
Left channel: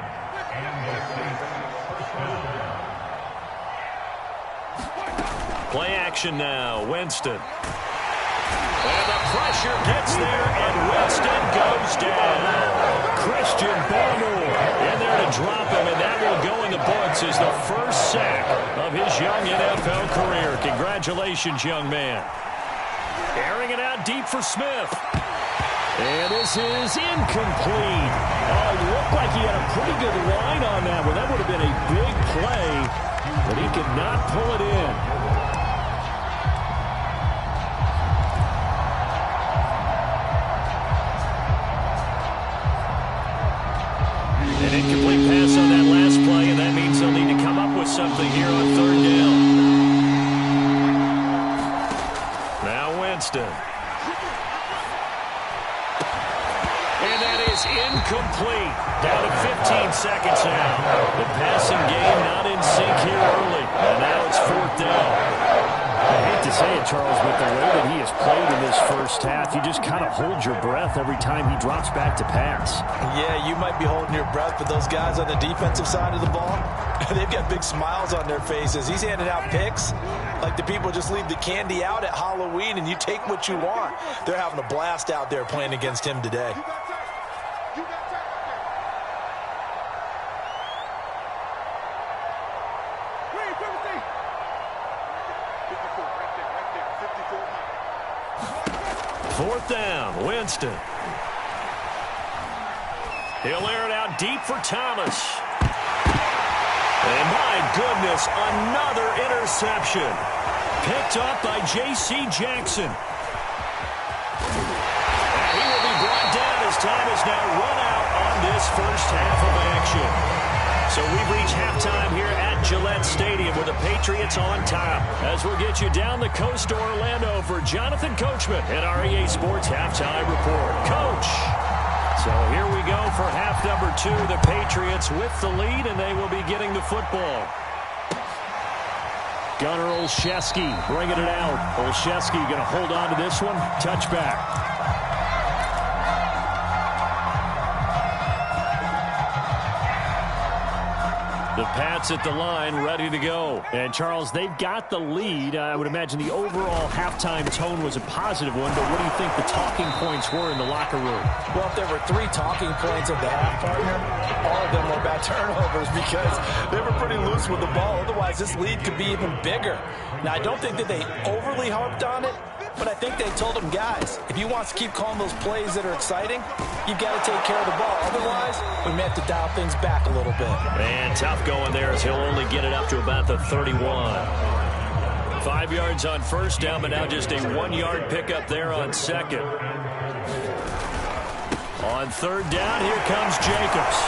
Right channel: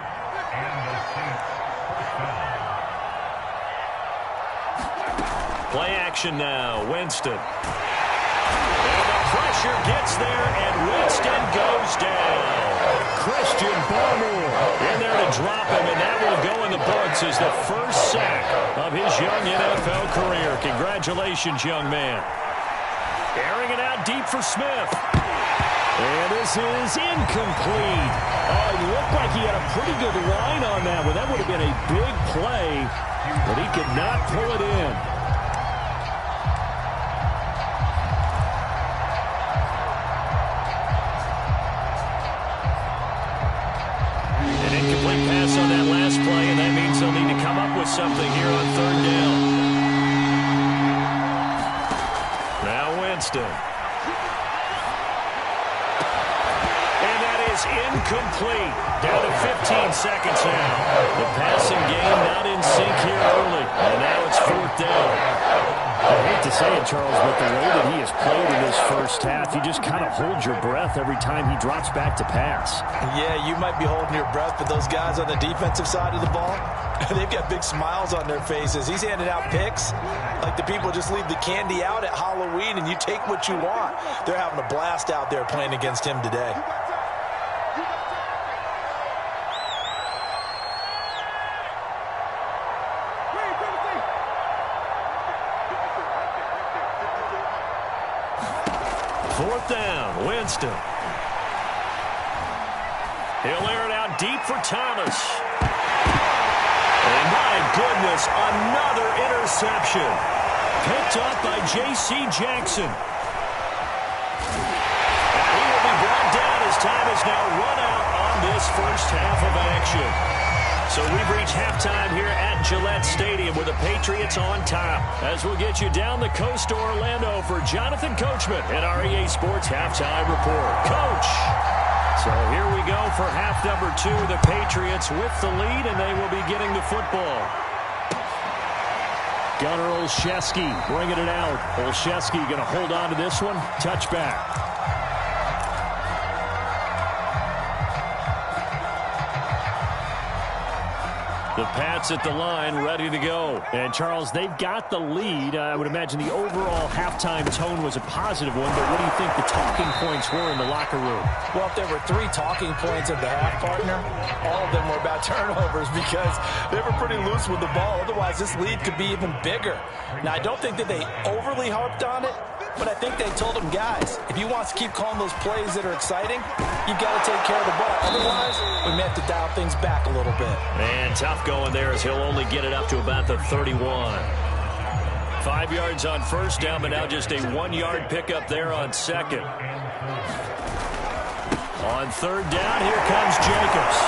Play action now, Winston. And the pressure gets there, and Winston goes down. Christian Barmore in there to drop him, and that will go in the books as the first sack of his young NFL career. Congratulations, young man. Airing it out deep for Smith. And this is incomplete. Oh, it looked like he had a pretty good line on that one. That would have been a big play, but he could not pull it in. An incomplete pass on that last play, and that means they'll need to come up with something here on 3rd down. Now Winston. And that is incomplete. Down to 15 seconds now. The passing game not in sync here early, and now it's 4th down. I hate to say it, Charles, but the way that he has played in this first half, you just kind of hold your breath every time he drops back to pass. Yeah, you might be holding your breath, but those guys on the defensive side of the ball, they've got big smiles on their faces. He's handing out picks like the people just leave the candy out at Halloween and you take what you want. They're having a blast out there playing against him today. Fourth down, Winston. He'll air it out deep for Thomas. And my goodness, another interception. Picked up by J.C. Jackson. And he will be brought down as time is now run out on this first half of action. So we've reached halftime here at Gillette Stadium with the Patriots on top. As we'll get you down the coast to Orlando for Jonathan Coachman at our EA Sports Halftime Report. Coach! So here we go for half number 2. The Patriots with the lead, and they will be getting the football. Gunnar Olszewski bringing it out. Olszewski going to hold on to this one. Touchback. The Pats at the line, ready to go. And, Charles, they've got the lead. I would imagine the overall halftime tone was a positive one, but what do you think the talking points were in the locker room? Well, if there were 3 talking points at the half, partner, all of them were about turnovers because they were pretty loose with the ball. Otherwise, this lead could be even bigger. Now, I don't think that they overly harped on it, but I think they told them, guys, if you want to keep calling those plays that are exciting, you've got to take care of the ball. Otherwise, we may have to dial things back a little bit. And tough going there as he'll only get it up to about the 31. 5 yards on first down, but now just a 1-yard pickup there on second. On third down, here comes Jacobs.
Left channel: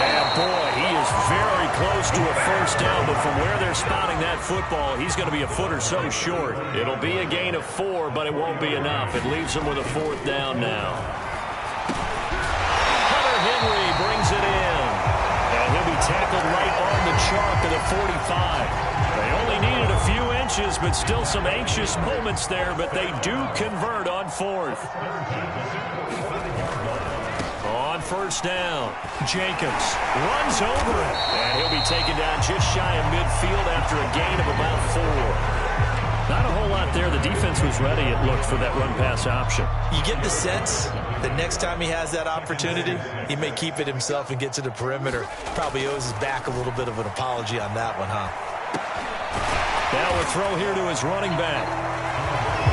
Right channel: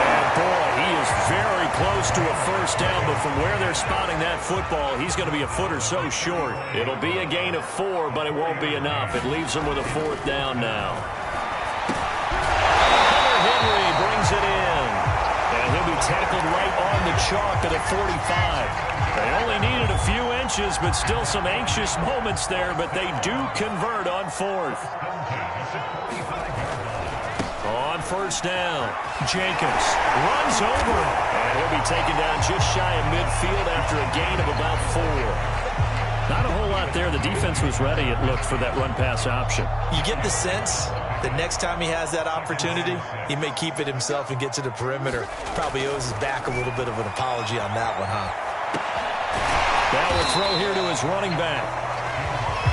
And boy, he is very close to a first down, but from where they're spotting that football, he's going to be a foot or so short. It'll be a gain of 4, but it won't be enough. It leaves him with a 4th down now. Hunter Henry brings it in. And he'll be tackled right on the chalk of the 45. They only needed a few inches, but still some anxious moments there, but they do convert on 4th. On first down, Jacobs runs over it, and he'll be taken down just shy of midfield after a gain of about 4. lot there. The defense was ready, it looked, for that run-pass option. You get the sense that next time he has that opportunity, he may keep it himself and get to the perimeter. Probably owes his back a little bit of an apology on that one, huh? Now a throw here to his running back.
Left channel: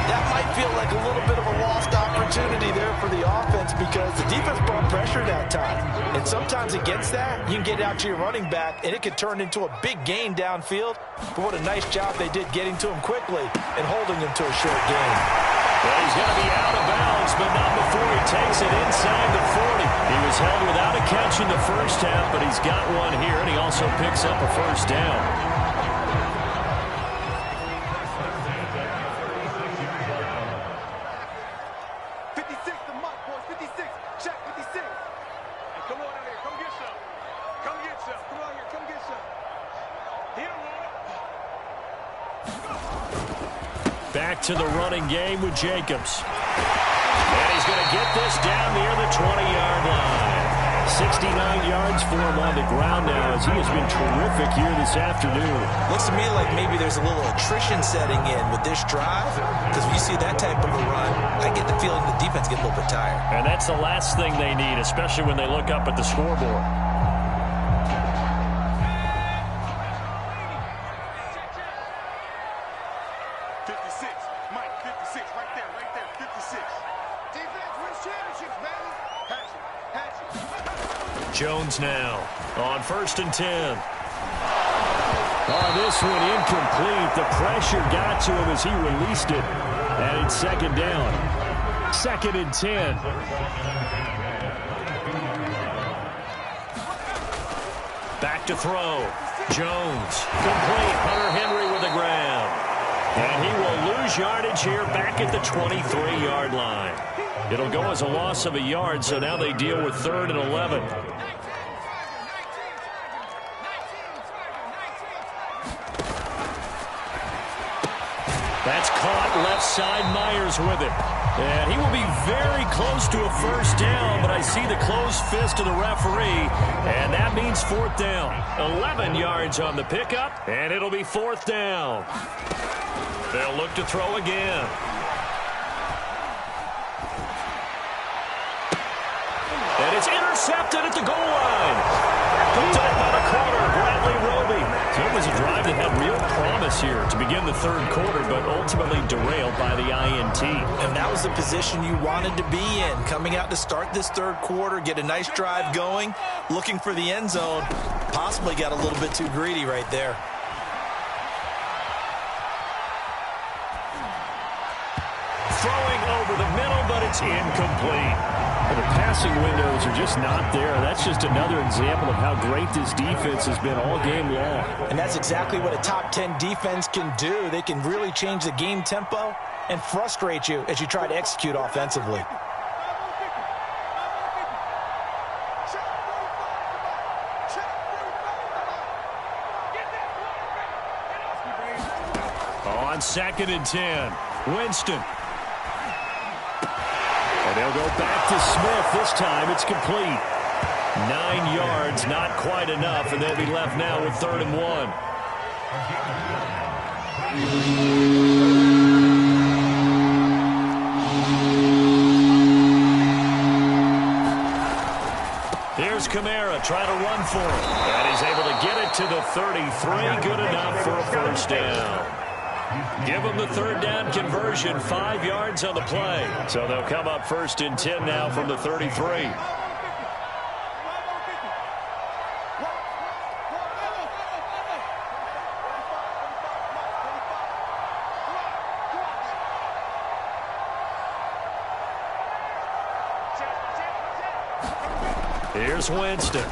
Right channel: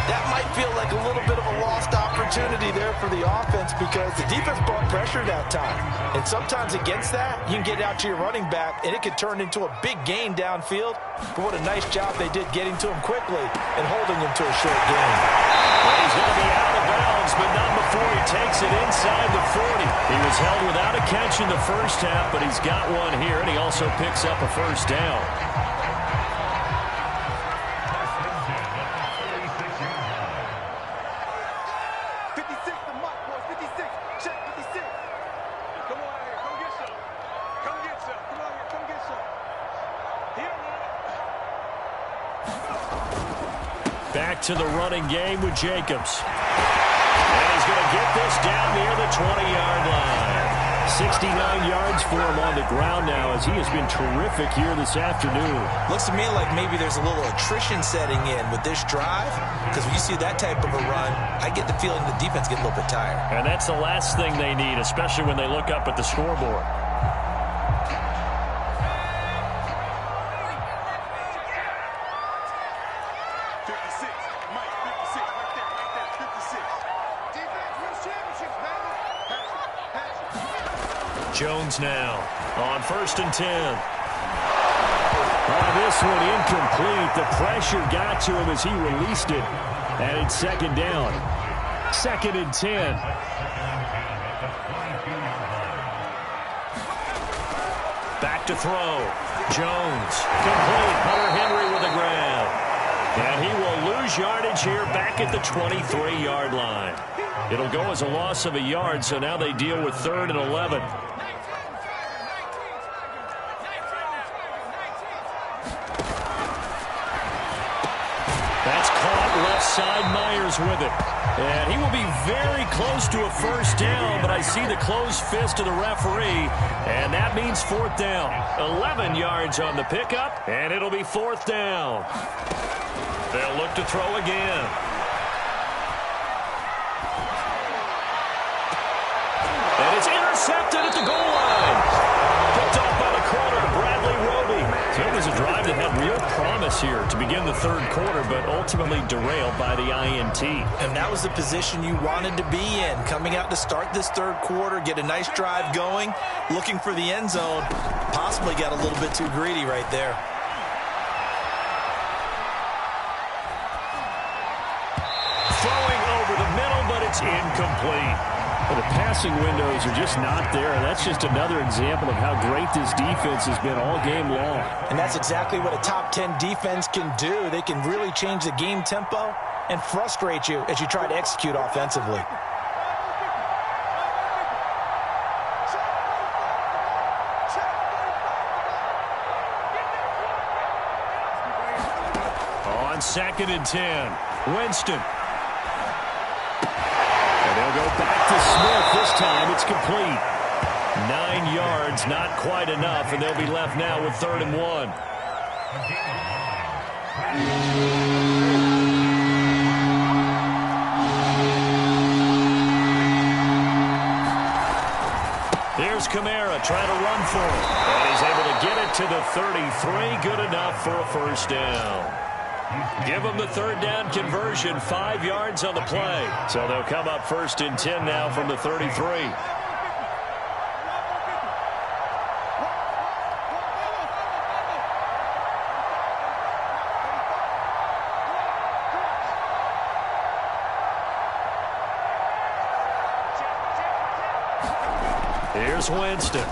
That might feel like a little bit of a lost opportunity there for the offense because the defense brought pressure that time. And sometimes against that, you can get out to your running back, and it could turn into a big gain downfield. But what a nice job they did getting to him quickly and holding him to a short gain. Well, he's going to be out of bounds, but not before he takes it inside the 40. He was held without a catch in the first half, but he's got one here, and he also picks up a first down. Back to the running game with Jacobs. And he's going to get this down near the 20-yard line. 69 yards for him on the ground now as he has been terrific here this afternoon. Looks to me like maybe there's a little attrition setting in with this drive because when you see that type of a run, I get the feeling the defense get a little bit tired. And that's the last thing they need, especially when they look up at the scoreboard. Jones now on 1st and 10. This one incomplete. The pressure got to him as he released it. And it's 2nd down. 2nd and 10. Back to throw. Jones. Complete. Hunter Henry with a grab. And he will lose yardage here back at the 23-yard line. It'll go as a loss of a yard, so now they deal with 3rd and 11. That's caught left side. Myers with it. And he will be very close to a first down, but I see the closed fist of the referee, and that means 4th down. 11 yards on the pickup, and it'll be 4th down. They'll look to throw again. And it's intercepted at the goal line. Picked off by the corner, Bradley Roby. So it was a drive that had real promise here to begin the 3rd quarter, but ultimately derailed by the INT. And that was the position you wanted to be in, coming out to start this 3rd quarter, get a nice drive going, looking for the end zone. Possibly got a little bit too greedy right there. Throwing over the middle, but it's incomplete. Well, the passing windows are just not there. That's just another example of how great this defense has been all game long. And that's exactly what a top 10 defense can do. They can really change the game tempo and frustrate you as you try to execute offensively. On 2nd and 10, Winston. And they'll go back to Smith. This time it's complete. 9 yards, not quite enough, and they'll be left now with 3rd and 1. Here's Kamara trying to run for it. And he's able to get it to the 33. Good enough for a first down. Give them the 3rd down conversion, 5 yards on the play. So they'll come up 1st and 10 now from the 33. Here's Winston.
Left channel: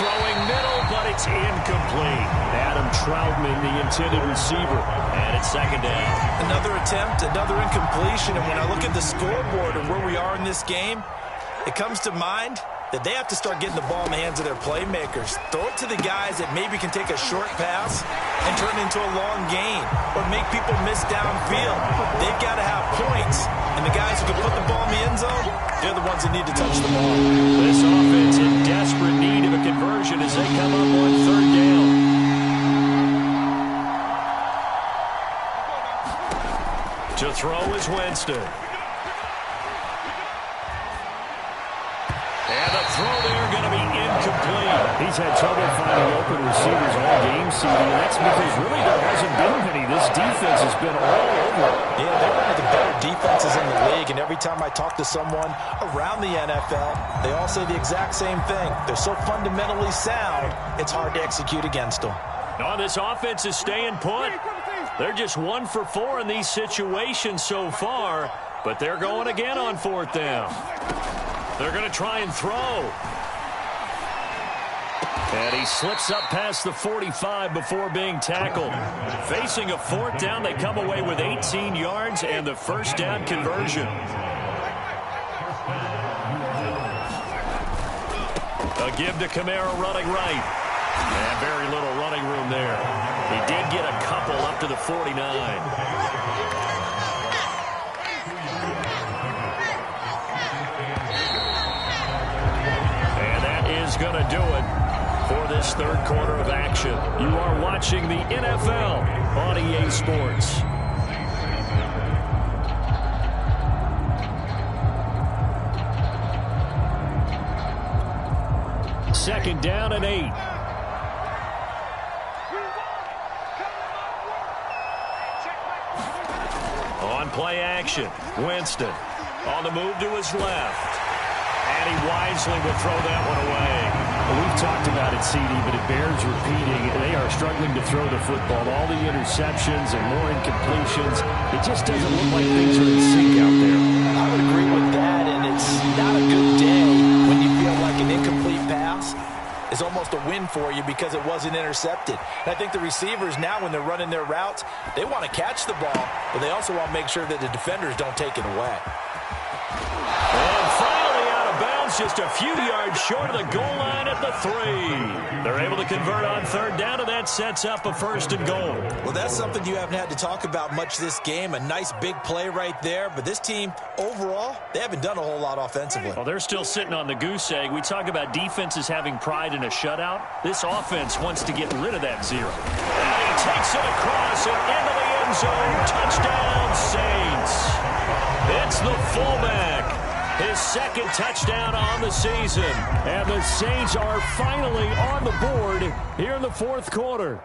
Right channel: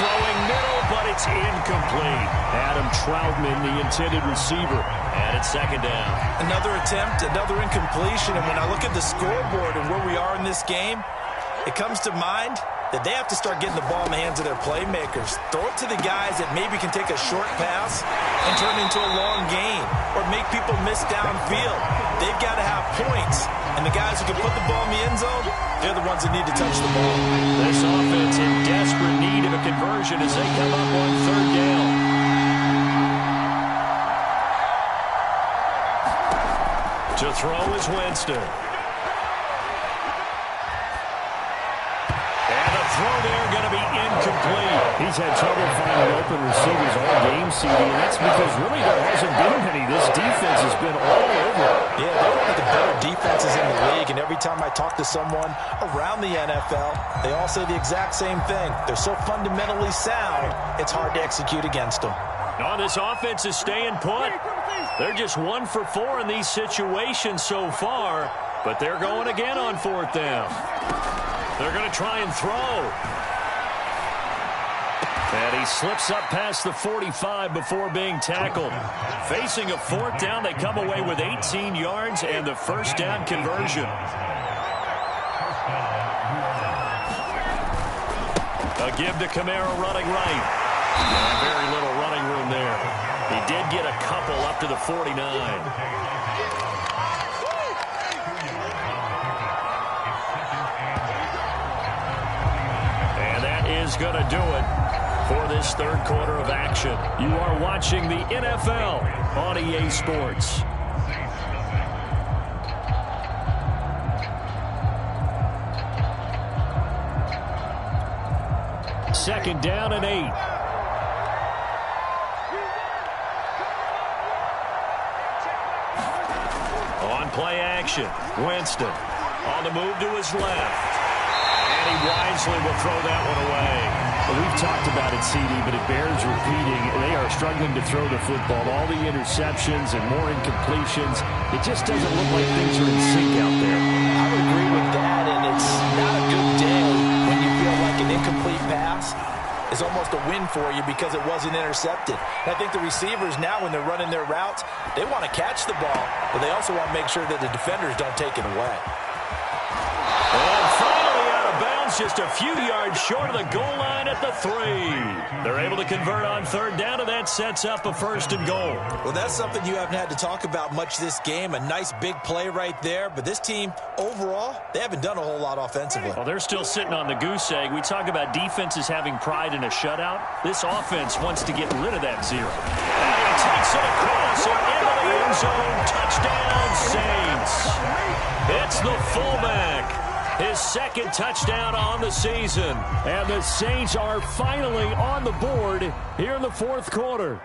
Throwing middle, but it's incomplete. Adam Troutman, the intended receiver. And it's 2nd down. Another attempt, another incompletion. And when I look at the scoreboard and where we are in this game, it comes to mind that they have to start getting the ball in the hands of their playmakers. Throw it to the guys that maybe can take a short pass and turn it into a long gain or make people miss downfield. They've got to have points. And the guys who can put the ball in the end zone, they're the ones that need to touch the ball. This offense in desperate need of a conversion as they come up on third down. To throw is Winston. And the throw there going to be incomplete. He's had trouble finding open receivers all game, CD, and that's because really there hasn't been many. This defense has been all over. Yeah, they're one of the better defenses in the league, and every time I talk to someone around the NFL, they all say the exact same thing. They're so fundamentally sound, it's hard to execute against them. No, this offense is staying put. They're just 1 for 4 in these situations so far, but they're going again on fourth down. They're going to try and throw. And he slips up past the 45 before being tackled. Facing a fourth down, they come away with 18 yards and the first down conversion. A give to Kamara running right. And very little running room there. He did get a couple up to the 49. Is going to do it for this third quarter of action. You are watching the NFL on EA Sports. Second down and 8. On play action, Winston on the move to his left. And he wisely will throw that one away. Well, we've talked about it, CD, but it bears repeating. They are struggling to throw the football. All the interceptions and more incompletions. It just doesn't look like things are in sync out there. I would agree with that, and it's not a good day when you feel like an incomplete pass is almost a win for you because it wasn't intercepted. And I think the receivers now, when they're running their routes, they want to catch the ball, but they also want to make sure that the defenders don't take it away. And finally out of bounds, just a few yards short of the goal line at the 3. They're able to convert on third down, and that sets up a first and goal. Well, that's something you haven't had to talk about much this game. A nice big play right there. But this team, overall, they haven't done a whole lot offensively. Well, they're still sitting on the goose egg. We talk about defenses having pride in a shutout. This offense wants to get rid of that 0. And he takes it across and into the end zone. Touchdown, Saints. It's the fullback. His second touchdown on the season. And the Saints are finally on the board here in the fourth quarter.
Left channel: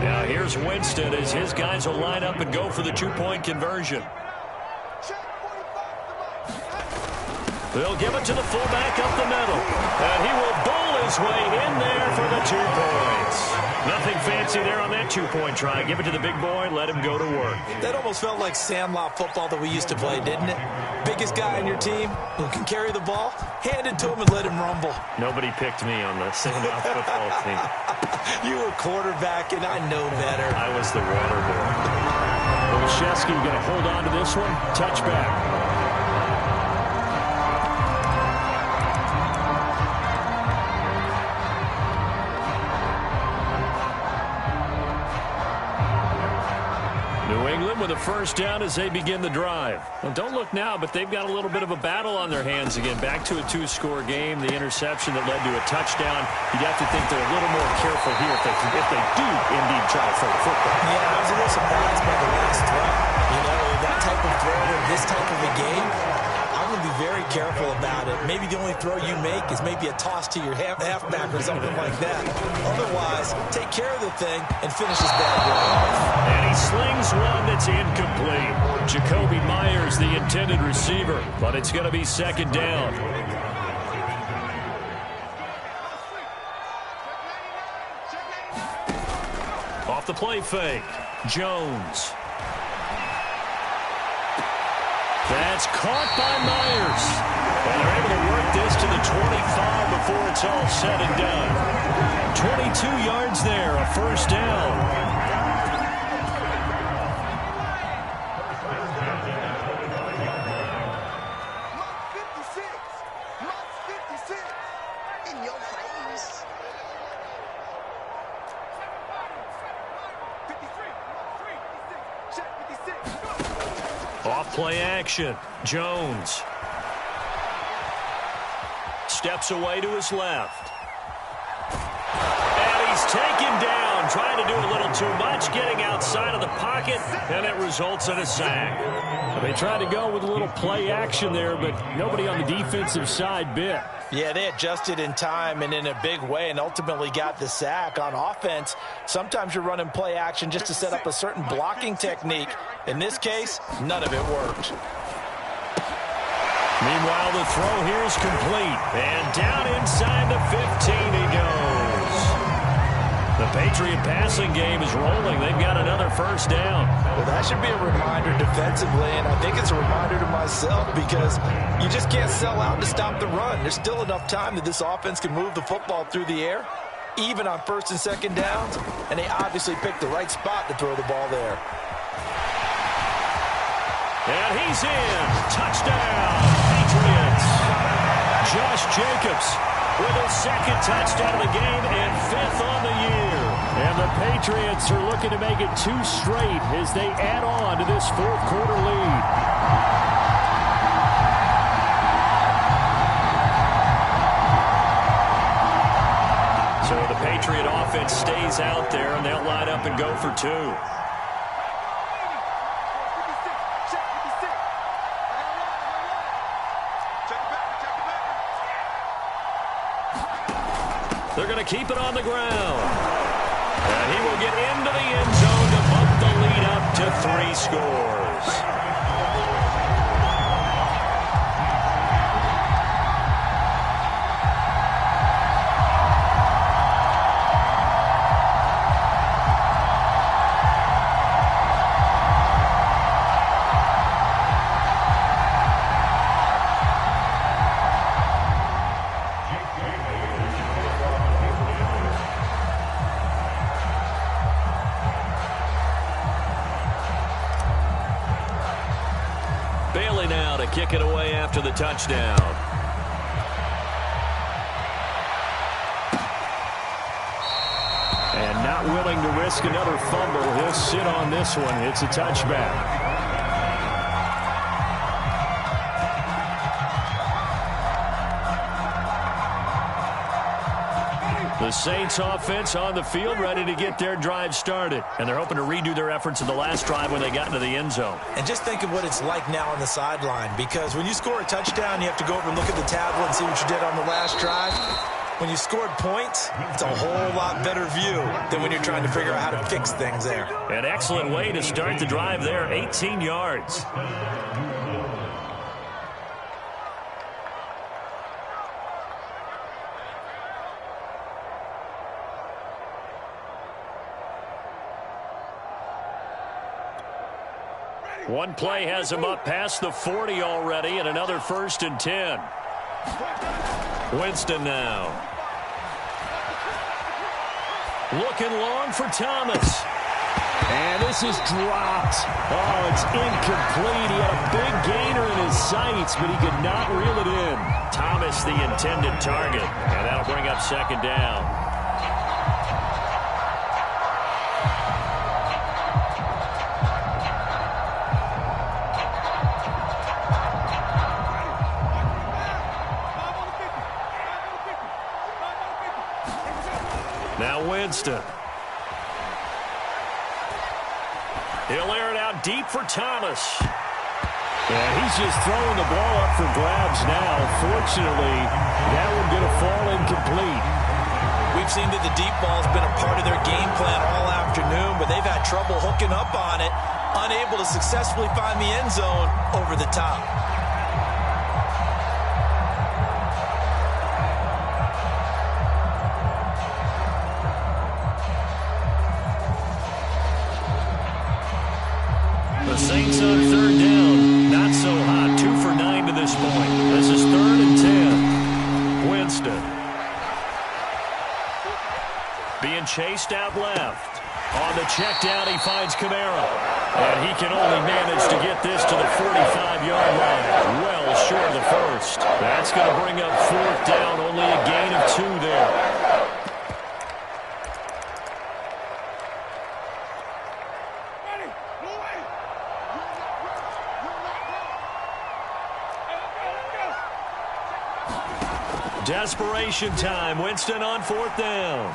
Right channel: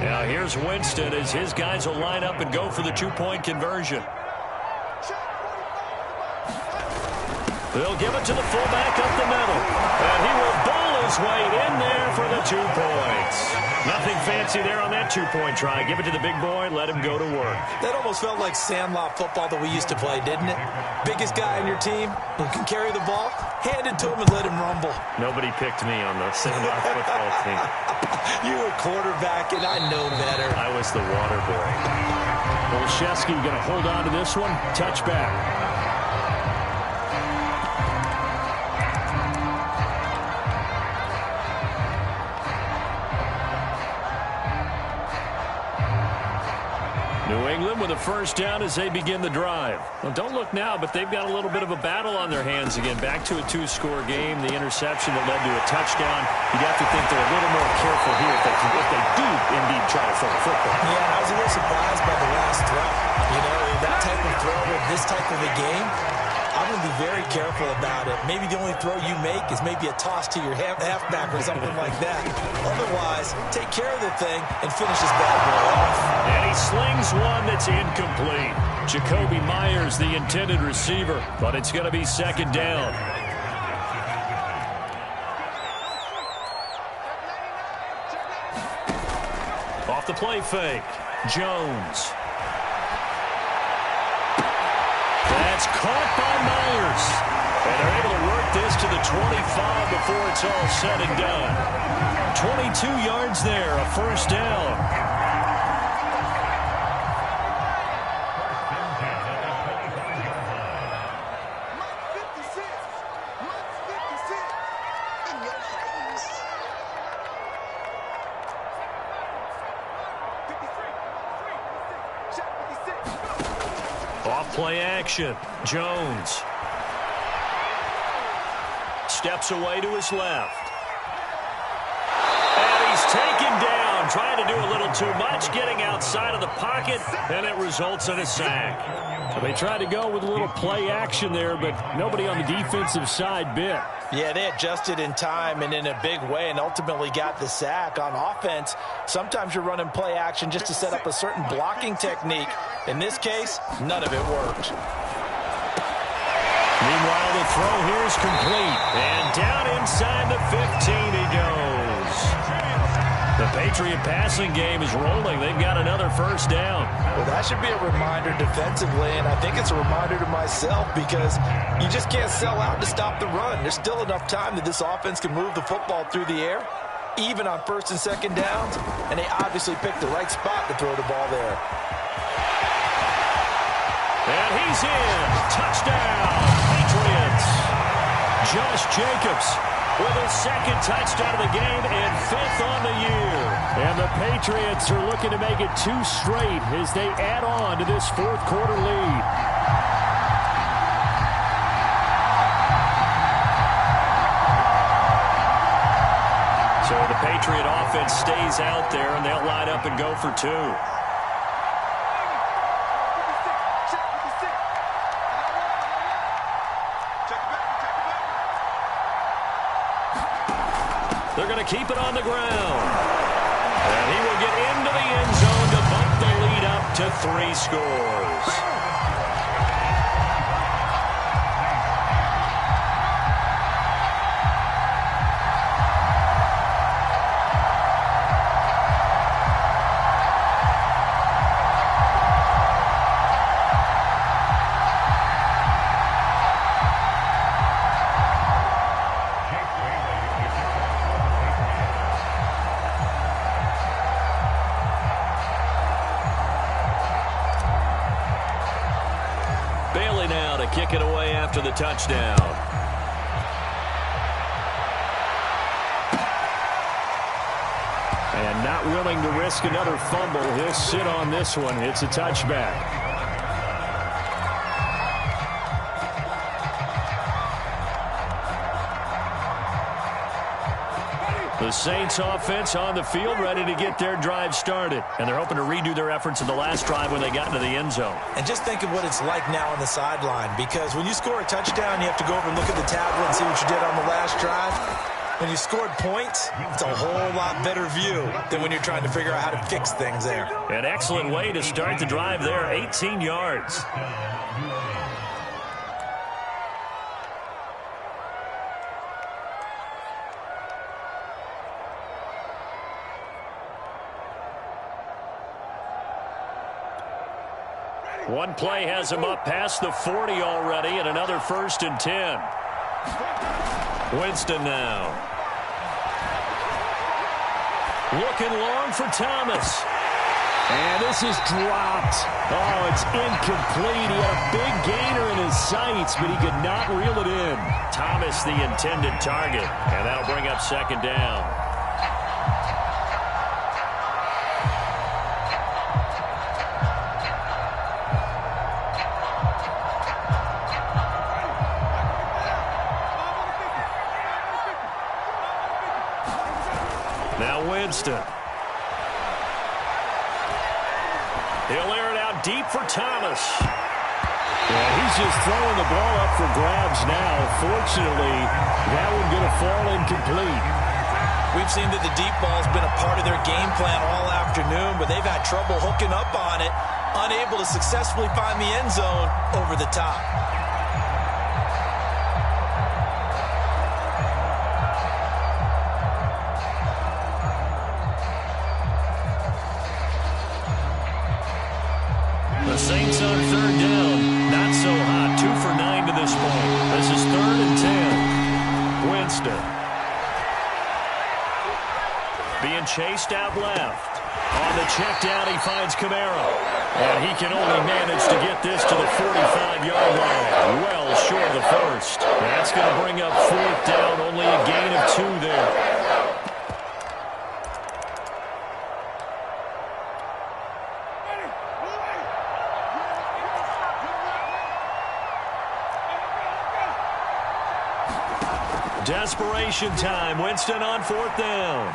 Now here's Winston as his guys will line up and go for the 2-point conversion. They'll give it to the fullback up the middle. And he will bowl his way in there for the 2 points. Nothing fancy there on that 2-point try. Give it to the big boy, let him go to work. That almost felt like sandlot football that we used to play, didn't it? Biggest guy on your team who can carry the ball, hand it to him and let him rumble. Nobody picked me on the sandlot football team. You were quarterback, and I know better. I was the water boy. Olszewski going to hold on to this one. Touchback. New England with a first down as they begin the drive. Well, don't look now, but they've got a little bit of a battle on their hands again. Back to a 2-score game. The interception that led to a touchdown. You'd have to think they're a little more careful here if they do indeed try to throw the football. Yeah, and I was a little surprised by the last throw. You know, that type of throw in this type of a game, I'm going to be very careful about it. Maybe the only throw you make is maybe a toss to your halfback or something like that. Otherwise, take care of the thing and finish this bad boy off. And he slings one that's incomplete. Jacoby Myers, the intended receiver, but it's going to be second down. Off the play fake, Jones. That's caught by Myers. And they're able to work this to the 25 before it's all said and done. 22 yards there, a first down. Off play action. Jones. Steps away to his left. And he's taken down, trying to do a little too much, getting outside of the pocket, and it results in a sack. They tried to go with a little play action there, but nobody on the defensive side bit. Yeah, they adjusted in time and in a big way and ultimately got the sack. On offense, sometimes you're running play action just to set up a certain blocking technique. In this case, none of it worked. Meanwhile, the throw here is complete. And down inside the 15 he goes. The Patriot passing game is rolling. They've got another first down. Well, that should be a reminder defensively, and I think it's a reminder to myself because you just can't sell out to stop the run. There's still enough time that this offense can move the football through the air, even on first and second downs, and they obviously picked the right spot to throw the ball there. And he's in. Touchdown, Patriots. Josh Jacobs with his second touchdown of the game and 5th on the year. And the Patriots are looking to make it 2 straight as they add on to this 4th quarter lead. So the Patriot offense stays out there, and they'll line up and go for 2. They're going to keep it on the ground. And he will get into the end zone to bump the lead up to 3 scores. Bailey now to kick it away after the touchdown. And not willing to risk another fumble. He'll sit on this one. It's a touchback. The Saints offense on the field, ready to get their drive started. And they're hoping to redo their efforts in the last drive when they got into the end zone. And just think of what it's like now on the sideline, because when you score a touchdown, you have to go over and look at the tablet and see what you did on the last drive. When you scored points, it's a whole lot better view than when you're trying to figure out how to fix things there. An excellent way to start the drive there, 18 yards. One play has him up past the 40 already, and another 1st and 10. Winston now. Looking long for Thomas. And this is dropped. Oh, it's incomplete. He had a big gainer in his sights, but he could not reel it in. Thomas the intended target, and that'll bring up 2nd down. Now Winston. He'll air it out deep for Thomas. Yeah, he's just throwing the ball up for grabs now. Fortunately, that one going to fall incomplete. We've seen that the deep ball's been a part of their game plan all afternoon, but they've had trouble hooking up on it, unable to successfully find the end zone over the top. The Saints on 3rd down. Not so hot. 2 for 9 to this point. This is 3rd and 10. Winston. Being chased out left. On the check down, he finds Kamara. And he can only manage to get this to the 45-yard line. Well short of the 1st. That's going to bring up 4th down. Only a gain of 2 there. Desperation time. Winston on 4th down.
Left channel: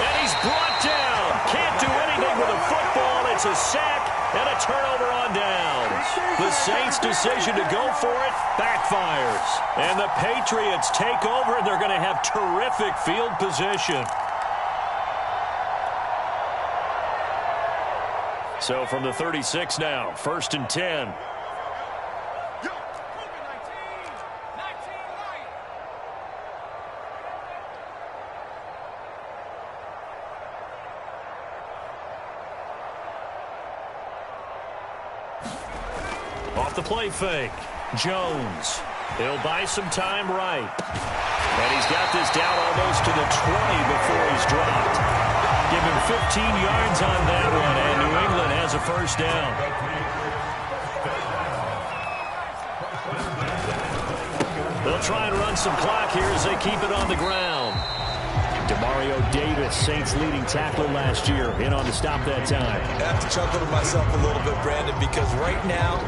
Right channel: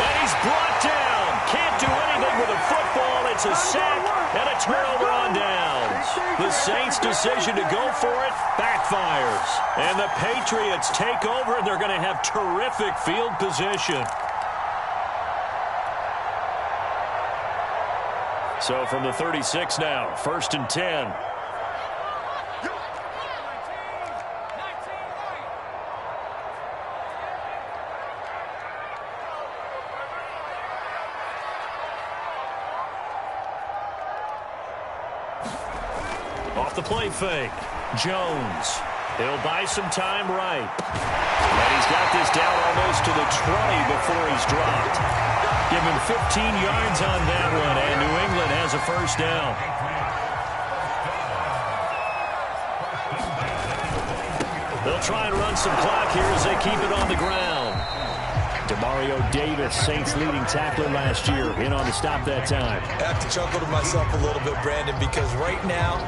And he's brought down. Can't do anything with a football. It's a sack and a turnover on downs. The Saints' decision to go for it backfires. And the Patriots take over, and they're going to have terrific field position. So from the 36 now, 1st and 10. Off the play fake. Jones. He'll buy some time right. And he's got this down almost to the 20 before he's dropped. Give him 15 yards on that one, and New England has a 1st down. They'll try and run some clock here as they keep it on the ground. Demario Davis, Saints leading tackler last year, in on the stop that time. I have to chuckle to myself a little bit, Brandon, because right now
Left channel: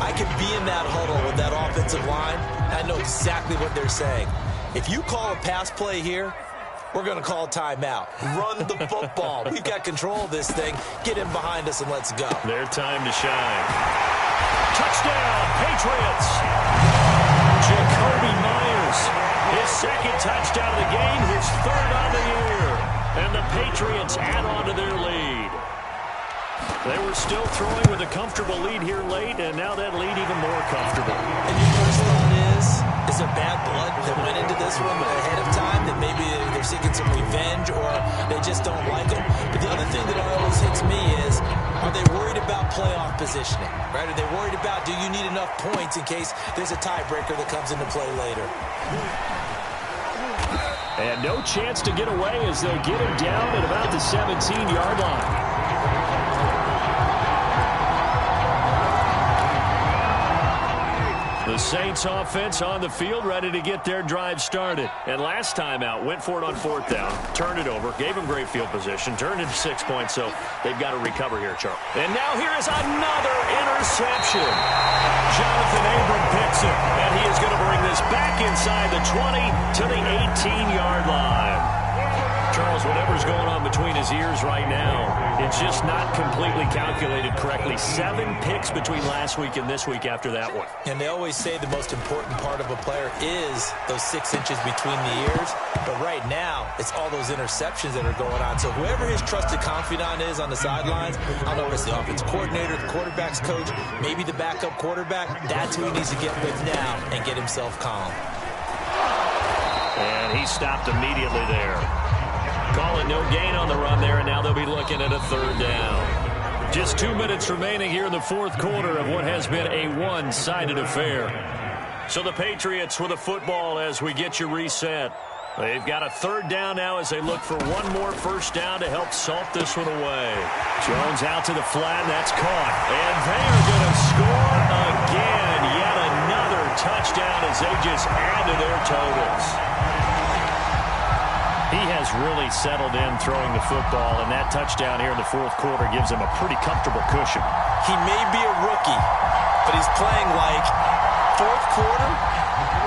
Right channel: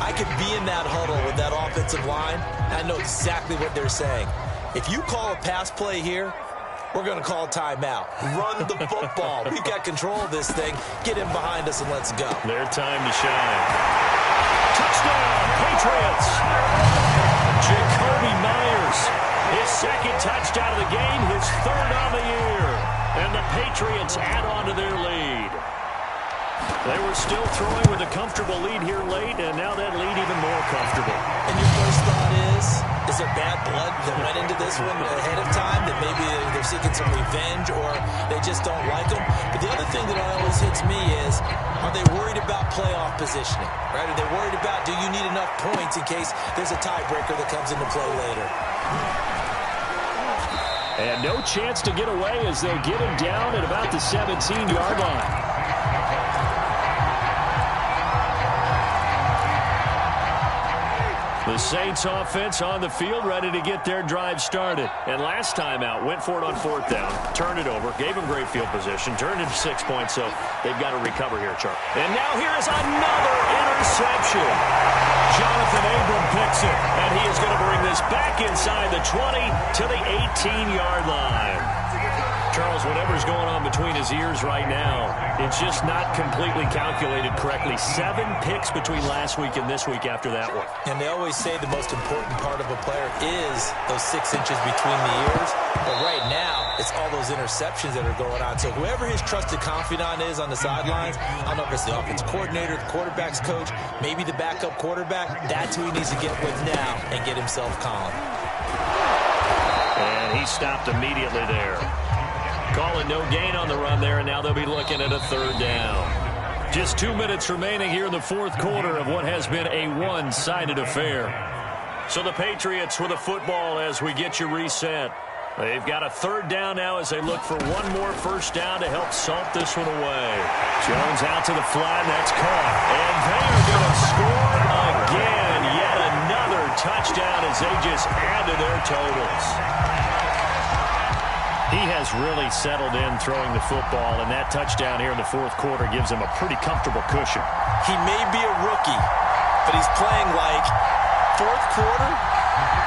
I could be in that huddle with that offensive line. I know exactly what they're saying. If you call a pass play here, we're going to call a timeout. Run the football. We've got control of this thing. Get him behind us and let's go. Their time to shine. Touchdown, Patriots. Jacoby Myers, his 2nd touchdown of the game, his 3rd on the year. And the Patriots add on to their lead. They were still throwing with a comfortable lead here late, and now that lead even more comfortable. And your first thought is there bad blood that went into this one ahead of time, that maybe they're seeking some revenge or they just don't like them? But the other thing that always hits me is, are they worried about playoff positioning? Right? Are they worried about, do you need enough points in case there's a tiebreaker that comes into play later? And no chance to get away as they'll get him down at about the 17-yard line. The Saints offense on the field, ready to get their drive started. And last time out, went for it on 4th down, turned it over, gave them great field position, turned it to 6 points, so they've got to recover here, Charles. And now here is another interception. Jonathan Abram picks it, and he is going to bring this back inside the 20 to the 18-yard line. Charles, whatever's going on between his ears right now, it's just not completely calculated correctly. 7 picks between last week and this week after that one. And they always say the most important part of a player is those 6 inches between the ears. But right now, it's all those interceptions that are going on. So whoever his trusted confidant is on the sidelines, I don't know if it's the offense coordinator, the quarterback's coach, maybe the backup quarterback, that's who he needs to get with now and get himself calm. And he stopped immediately there. Calling no gain on the run there, and now they'll be looking at a 3rd down. Just 2 minutes remaining here in the 4th quarter of what has been a one-sided affair. So the Patriots with a football as we get you reset. They've got a 3rd down now as they look for one more 1st down to help salt this one away. Jones out to the flat, and that's caught. And they are going to score again. Yet another touchdown as they just add to their totals. He has really settled in throwing the football, and that touchdown here in the 4th quarter gives him a pretty comfortable cushion. He may be a rookie, but he's playing like 4th quarter,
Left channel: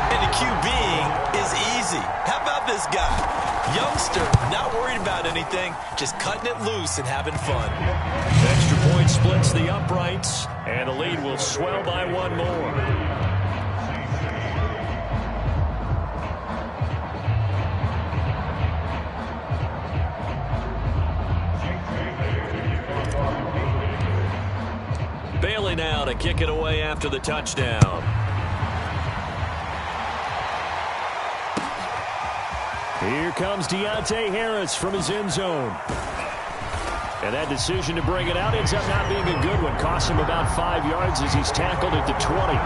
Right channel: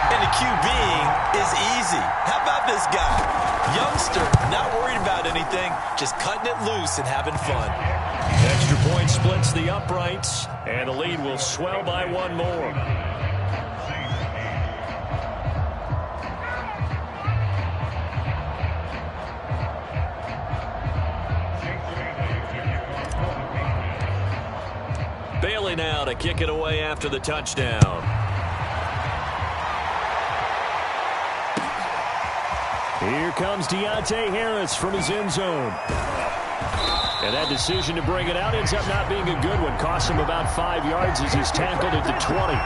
and the QBing is easy. How about this guy? Youngster, not worried about anything, just cutting it loose and having fun. Extra point splits the uprights, and the lead will swell by 1 more. Bailey now to kick it away after the touchdown. Here comes Deontay Harris from his end zone. And that decision to bring it out ends up not being a good one. Costs him about 5 yards as he's tackled at the 20.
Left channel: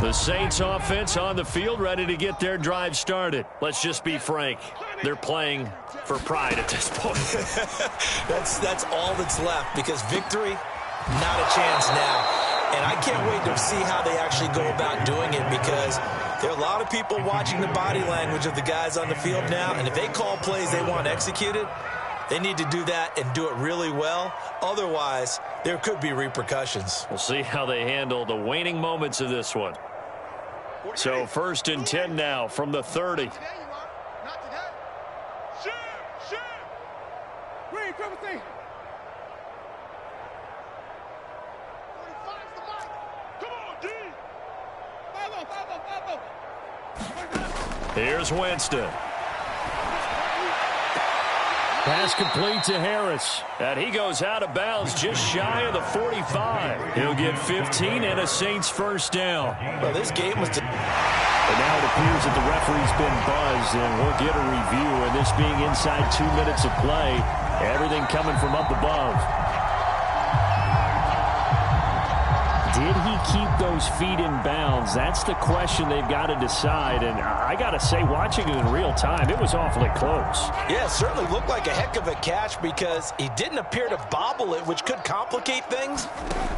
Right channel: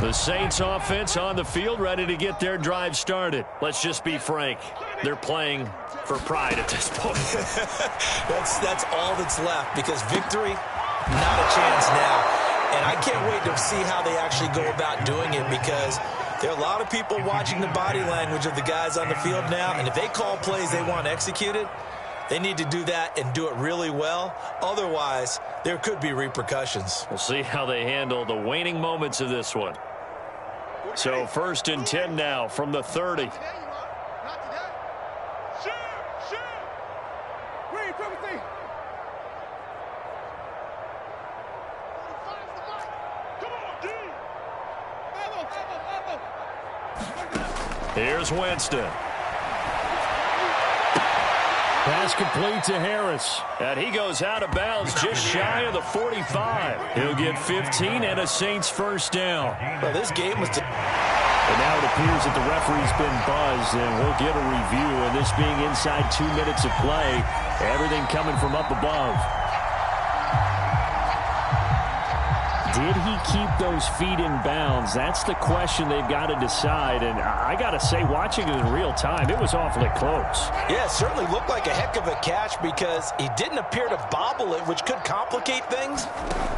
The Saints offense on the field, ready to get their drive started. Let's just be frank. They're playing for pride at this point. That's all that's left, because victory, not a chance now. And I can't wait to see how they actually go about doing it, because there are a lot of people watching the body language of the guys on the field now, and if they call plays they want executed, they need to do that and do it really well. Otherwise, there could be repercussions. We'll see how they handle the waning moments of this one. So 1st and 10 now from the 30. Here's Winston. Pass complete to Harris. And he goes out of bounds just shy of the 45. He'll get 15 and a Saints first down. Well, this game was... And now it appears that the referee's been buzzed, and we'll get a review. And this being inside 2 minutes of play, everything coming from up above. Did he keep those feet in bounds? That's the question they've got to decide. And I got to say, watching it in real time, it was awfully close. Yeah, it certainly looked like a heck of a catch, because he didn't appear to bobble it, which could complicate things.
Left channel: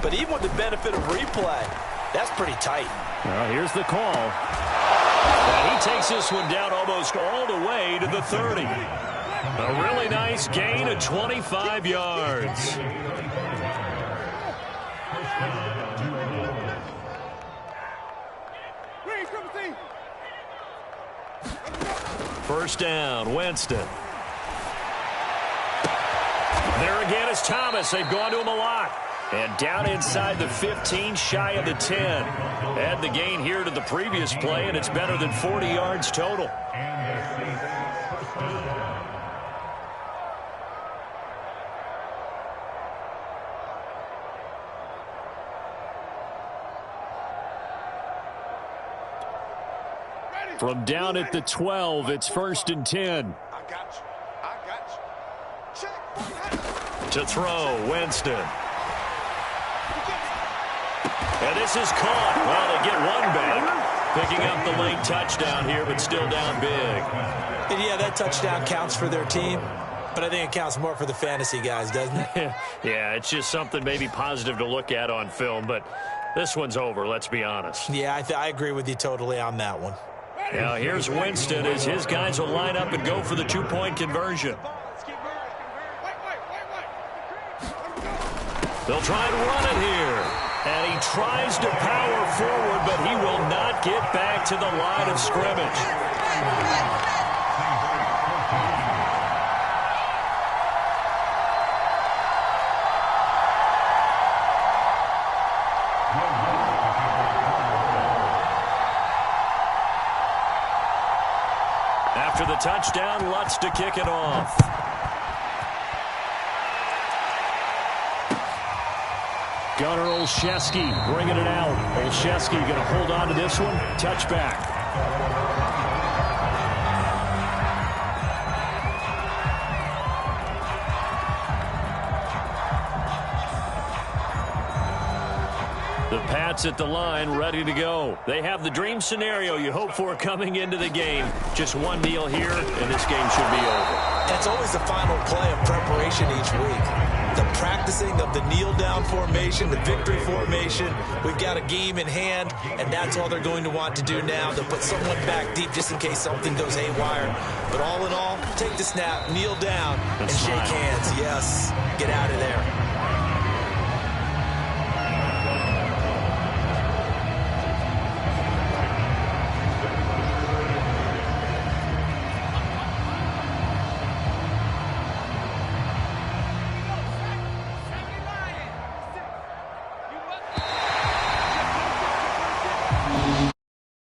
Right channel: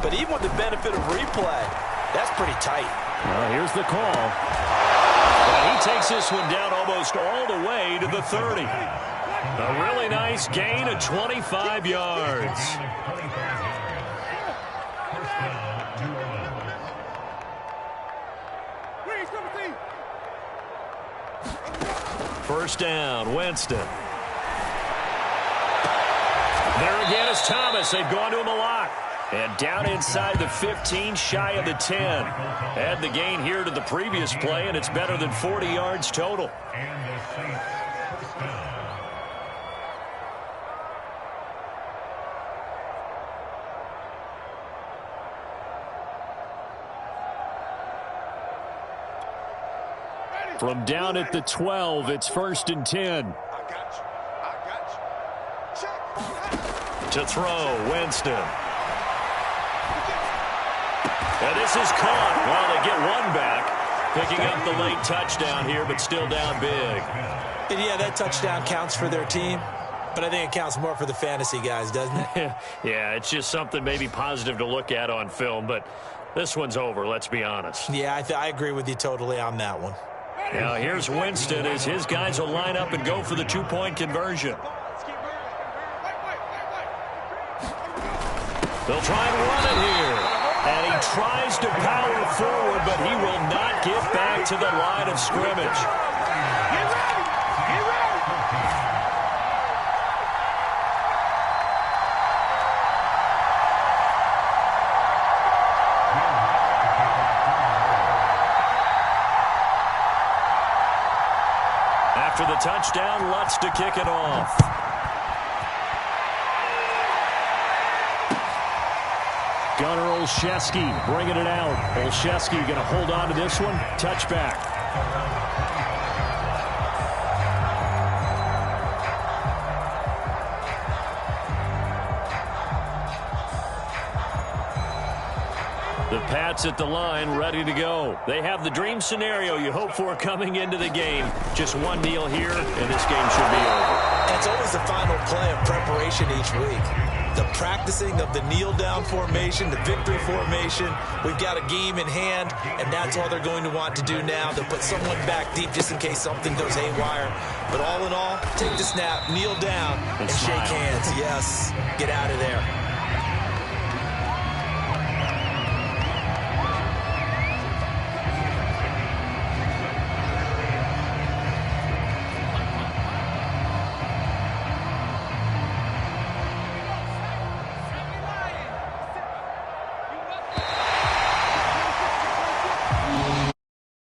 But even with the benefit of replay, that's pretty tight. Well, here's the call. And he takes this one down almost all the way to the 30. A really nice gain of 25 yards. First down, Winston. There again is Thomas. They've gone to him a lot. And down inside the 15, shy of the 10. Add the gain here to the previous play, and it's better than 40 yards total. From down at the 12, it's 1st and 10. To throw, Winston. And this is caught. Well, they get one back. Picking up the late touchdown here, but still down big. And yeah, that touchdown counts for their team, but I think it counts more for the fantasy guys, doesn't it? Yeah, it's just something maybe positive to look at on film, but this one's over, let's be honest. Yeah, I agree with you totally on that one. Now here's Winston as his guys will line up and go for the 2-point conversion. They'll try and run it here. And he tries to power forward, but he will not get back to the line of scrimmage. After the touchdown, Lutz to kick it off. Gunnar Olszewski bringing it out. Olszewski going to hold on to this one. Touchback. The Pats at the line, ready to go. They have the dream scenario you hope for coming into the game. Just one kneel here, and this game should be over. It's always the final play of preparation each week. The practicing of the kneel-down formation, the victory formation. We've got a game in hand, and that's all they're going to want to do now. They'll put someone back deep just in case something goes haywire. But all in all, take the snap, kneel down, and shake hands. Yes, get out of there.